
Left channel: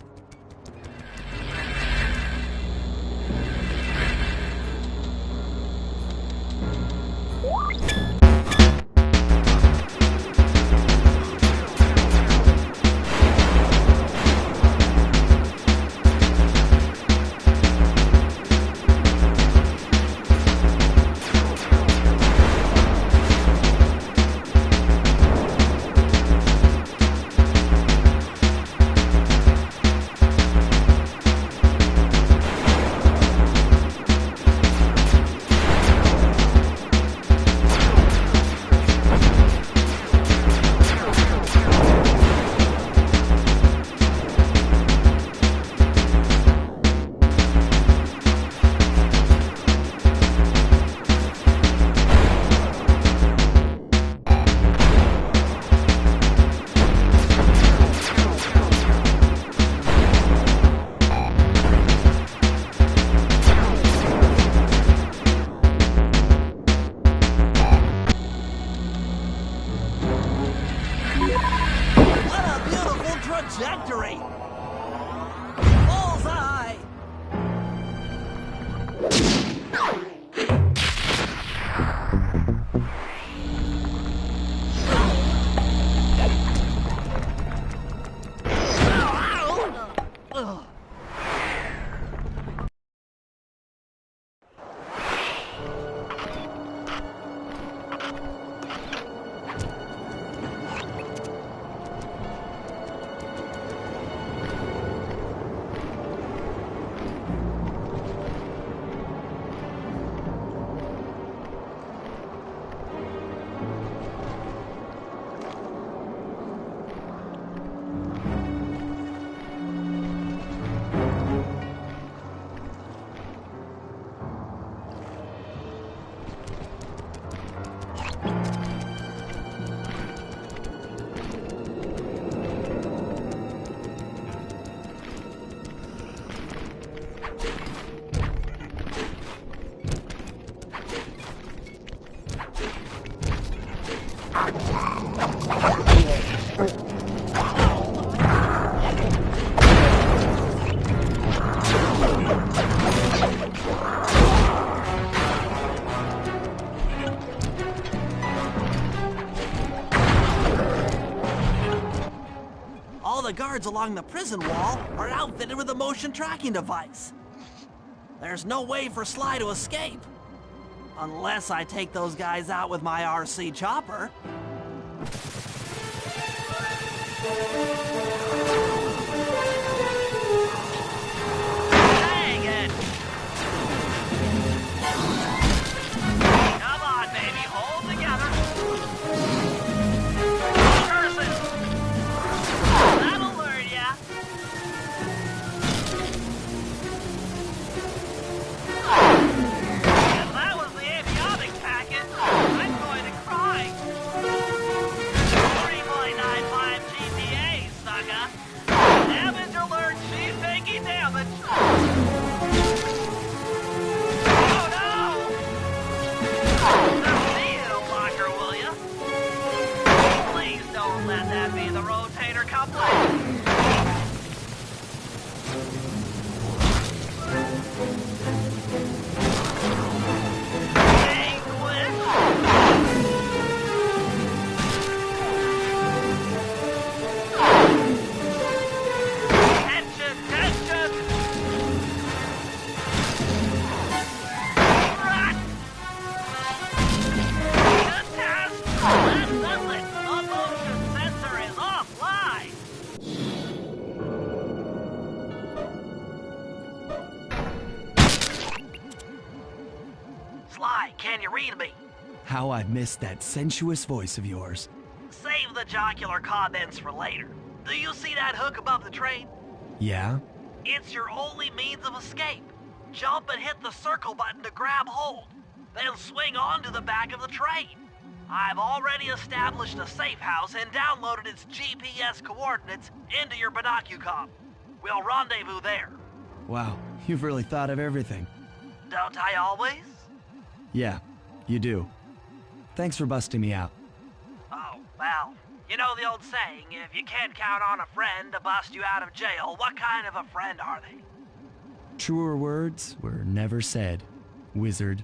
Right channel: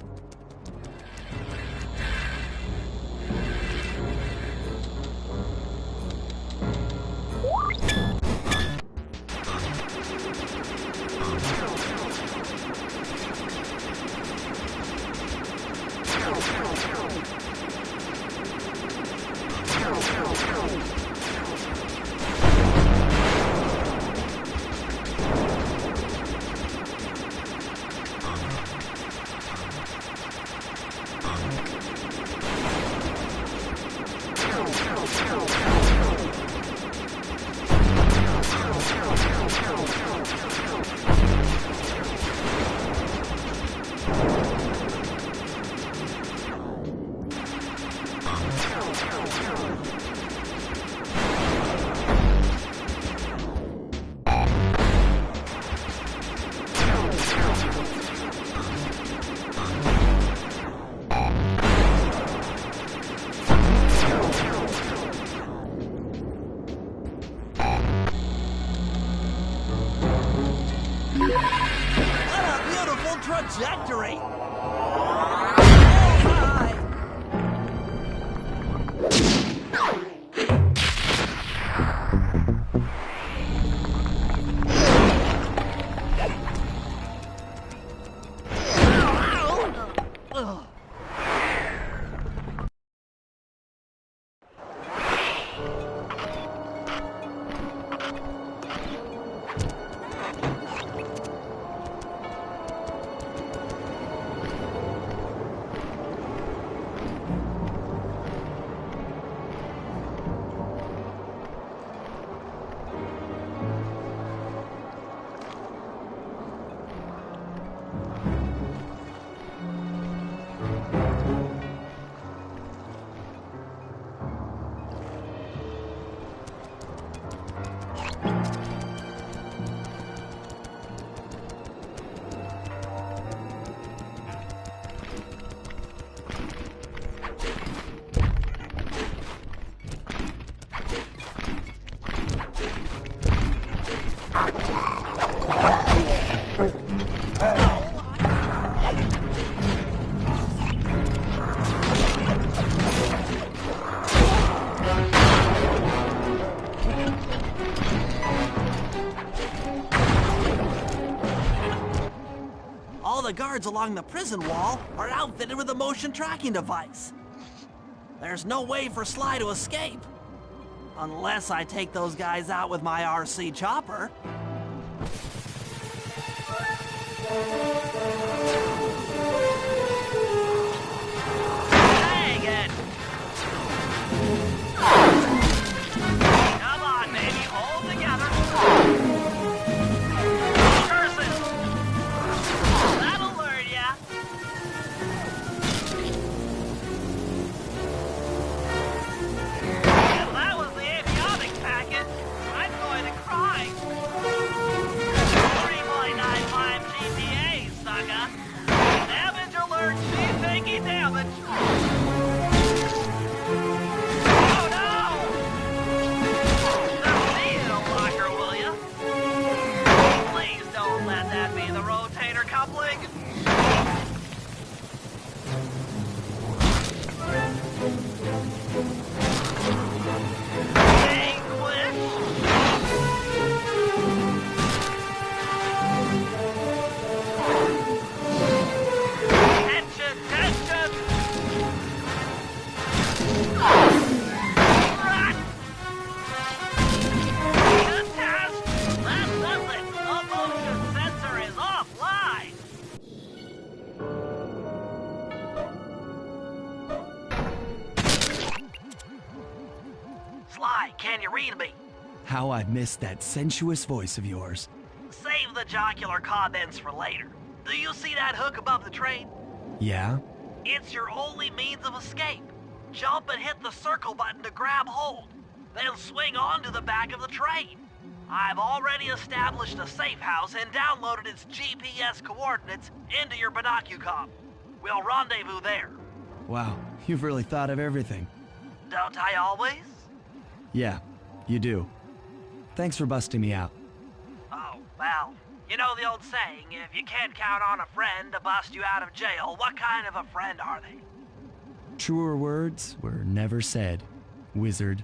victory! Bullseye! All the guards along the prison wall are outfitted with a motion tracking device. There's no way for Sly to escape. Unless I take those guys out with my RC chopper. Dang it! Come on, baby, hold together. Curses! That'll learn ya. If that was the amniotic packet, I'm going to cry. 3.95 GPA, sucker. Damage alert, she's taking damage. Oh no! Don't need a locker, will ya? Please don't let that be the rotator coupling. Tension, tension! Run! Contest! Last sublet, the motion sensor is offline! Sly, can you read me? How I missed that sensuous voice of yours. Save the jocular comments for later. Do you see that hook above the train? Yeah? It's your only means of escape. Jump and hit the circle button to grab hold. Then swing onto the back of the train. I've already established a safe house and downloaded its GPS coordinates into your binocucom. We'll rendezvous there. Wow, you've really thought of everything. Don't I always? Yeah, you do. Thanks for busting me out. Oh, well, you know the old saying, if you can't count on a friend to bust you out of jail, what kind of a friend are they? Truer words were never said, wizard.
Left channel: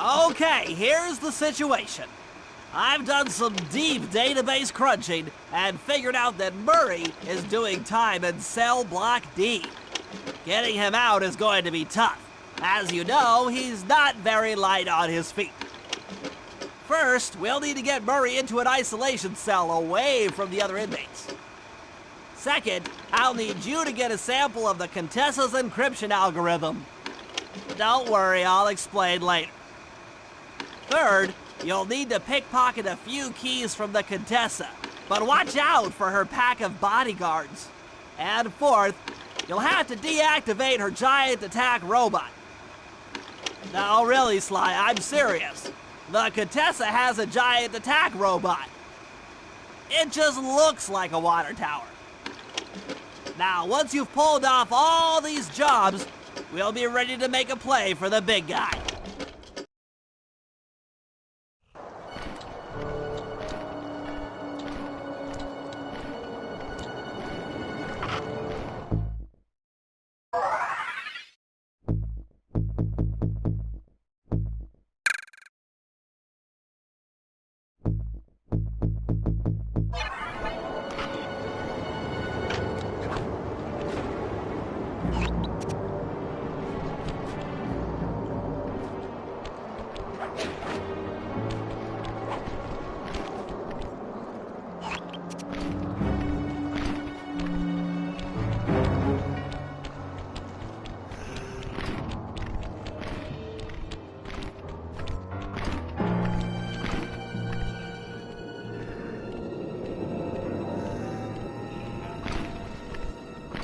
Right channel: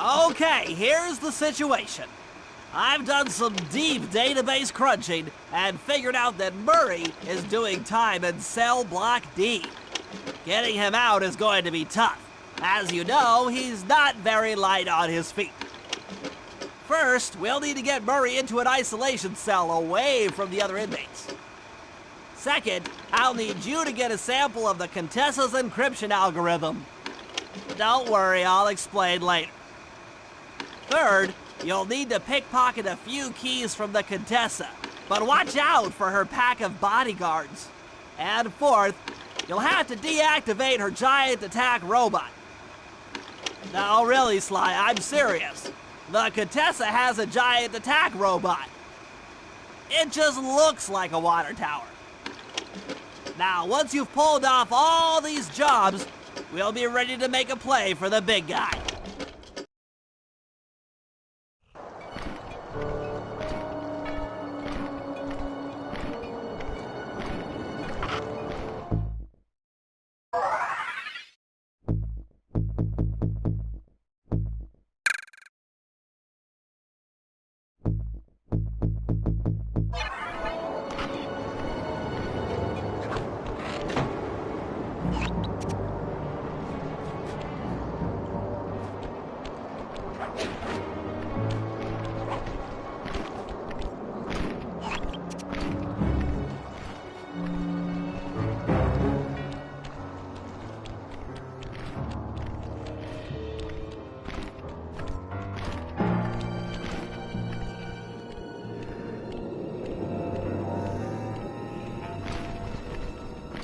Okay, here's the situation. I've done some deep database crunching and figured out that Murray is doing time in cell block D. Getting him out is going to be tough. As you know, he's not very light on his feet. First, we'll need to get Murray into an isolation cell away from the other inmates. Second, I'll need you to get a sample of the Contessa's encryption algorithm. Don't worry, I'll explain later. Third, you'll need to pickpocket a few keys from the Contessa, but watch out for her pack of bodyguards. And fourth, you'll have to deactivate her giant attack robot. No, really, Sly, I'm serious. The Contessa has a giant attack robot. It just looks like a water tower. Now, once you've pulled off all these jobs, we'll be ready to make a play for the big guy.